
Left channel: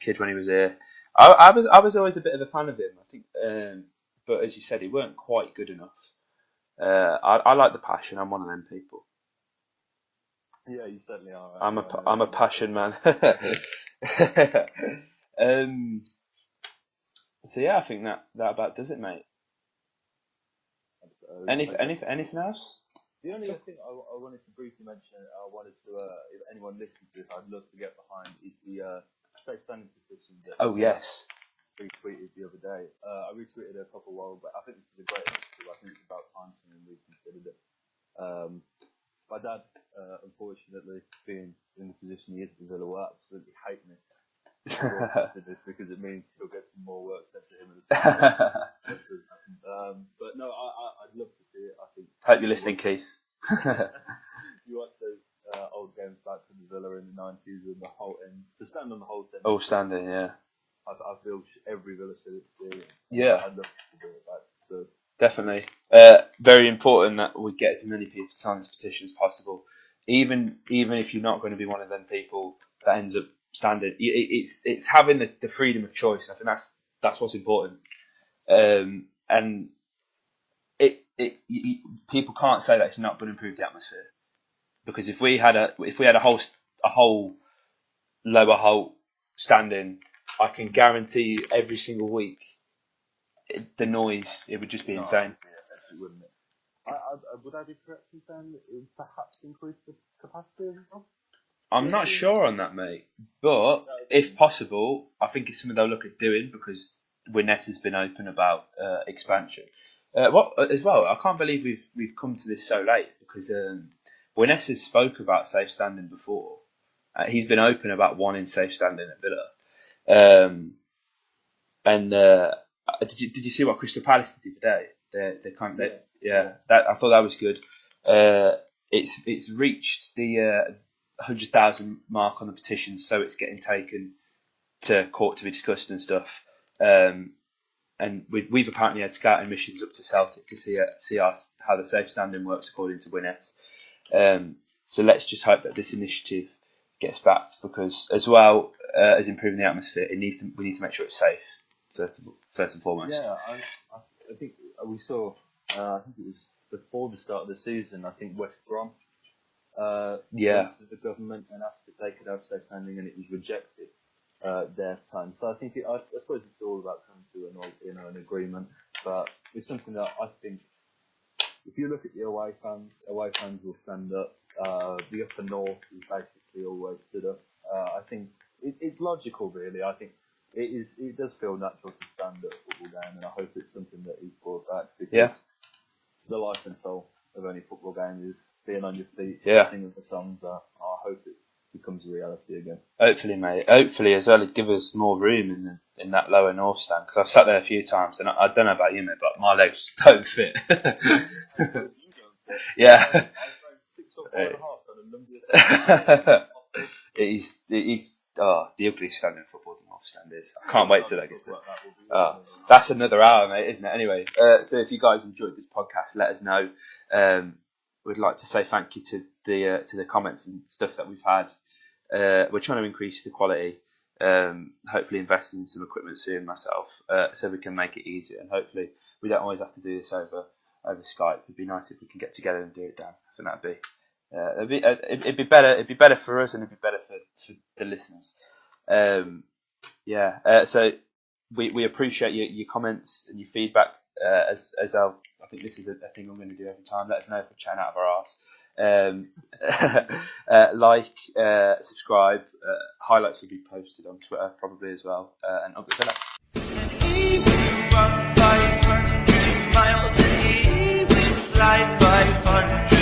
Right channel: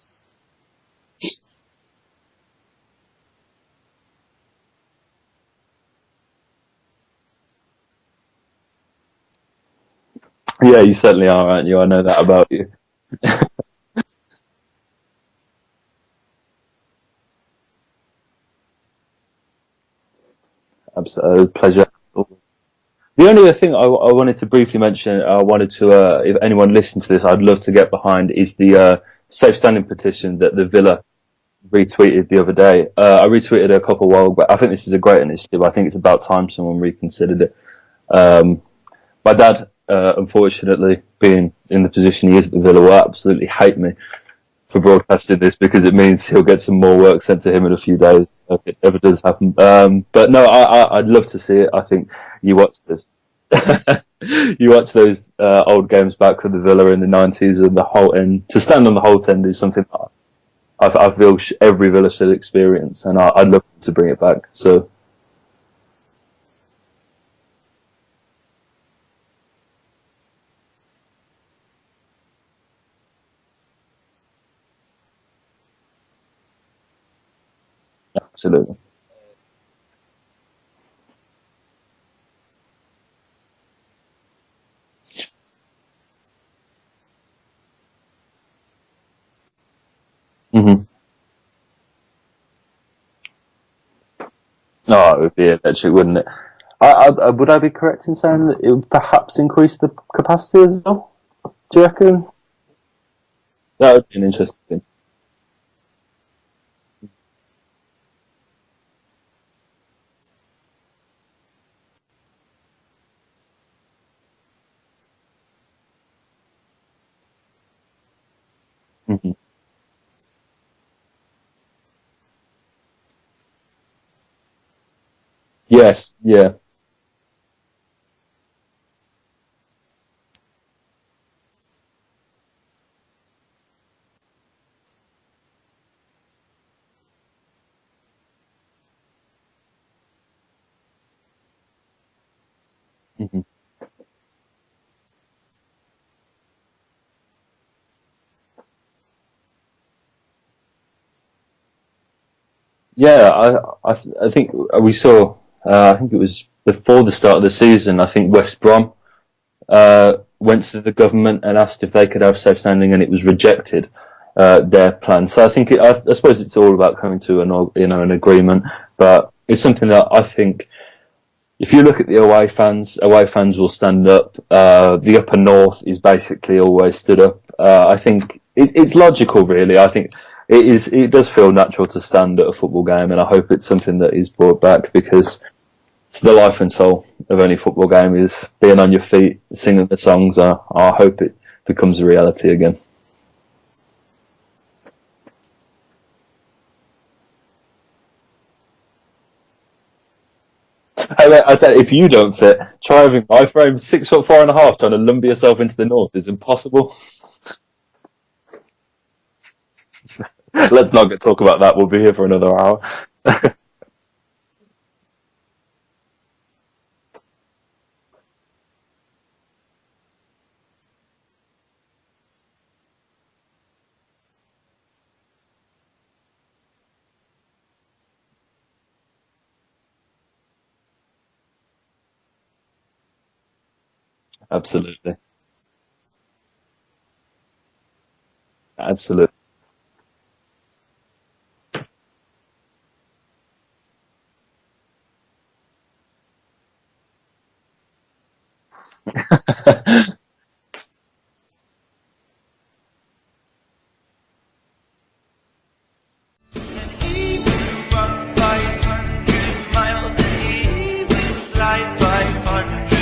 Kid when he was here. I was always a bit of a fan of him. I think, but as you said, he weren't quite good enough. I like the passion. I'm one of them people. Yeah, you certainly are, aren't you? I know that about passion, you. Man. So yeah, I think that about does it, mate. Absolutely, pleasure. Anything else? The only other thing I wanted to briefly mention, I wanted to, if anyone listened to this, I'd love to get behind, is the safe standing petition that the Villa retweeted the other day. I retweeted it a couple of while back. I think this is a great initiative. I think it's about time someone reconsidered it. My dad, unfortunately, being in the position he is at the Villa, will absolutely hate me for broadcasting this because it means he'll get some more work sent to him in a few days if it ever does happen. But no, I'd love to see it. I think you watch those old games back with the Villa in the 90s and the Holte end. To stand on the Holte end is something I feel every Villa should experience, and I'd love to bring it back. So definitely. Very important that we get as many people to sign this petition as possible. Even if you're not going to be one of them people that ends up standing, it's having the freedom of choice. I think that's what's important. Absolutely. And people can't say that it's not going to improve the atmosphere, because if we had a whole lower Holte standing, I can guarantee every single week the noise, it would just be it would be electric, wouldn't it? Would I be correct in saying that it would perhaps increase the capacity as well? I'm not sure on that, mate. But if possible, I think it's something they'll look at doing, because Wembley has been open about expansion. As well, I can't believe we've come to this so late, because Wembley has spoke about safe standing before. He's been open about wanting safe standing in Villa. Did you see what Crystal Palace did today? They kind of, yes, yeah. I thought that was good. It's reached the 100,000 mark on the petition, so it's getting taken to court to be discussed and stuff. And we've apparently had scouting missions up to Celtic to see how the safe standing works according to Winnet. So let's just hope that this initiative gets backed, because as well as improving the atmosphere, we need to make sure it's safe. First and foremost. Yeah, I think we saw. I think it was before the start of the season. I think West Brom went to the government and asked if they could have safe standing, and it was rejected. Their plan. So I think I suppose it's all about coming to an agreement. But it's something that I think, if you look at the away fans will stand up. The upper north is basically always stood up. I think it's logical, really. I think it does feel natural to stand at a football game, and I hope it's something that is brought back, because it's the life and soul of any football game is being on your feet, singing the songs. I hope it becomes a reality again. Hopefully, mate. Hopefully, as well, it'd give us more room in that lower north stand, because I've sat there a few times, and I don't know about you, mate, but my legs don't fit. I tell you, if you don't fit, driving my frame 6'4.5", trying to lumber yourself into the north is impossible. It is. The ugliest stand in football. Let's not talk about that. We'll be here for another hour. That's another hour, mate, isn't it? Anyway, so if you guys enjoyed this podcast, let us know. we'd like to say thank you to the comments and stuff that we've had. We're trying to increase the quality. Hopefully invest in some equipment soon myself, so we can make it easier, and hopefully we don't always have to do this over Skype. It'd be nice if we can get together and do it, Dan. I think that'd be Absolutely. it'd be better. It'd be better for us, and it'd be better for the listeners. Absolutely. So we appreciate your comments and your feedback. As I think this is a thing I'm going to do every time. Let us know if we're chatting out of our arse. Subscribe. Highlights will be posted on Twitter probably as well. And up the Villa. He will run 500 miles and he will slide 500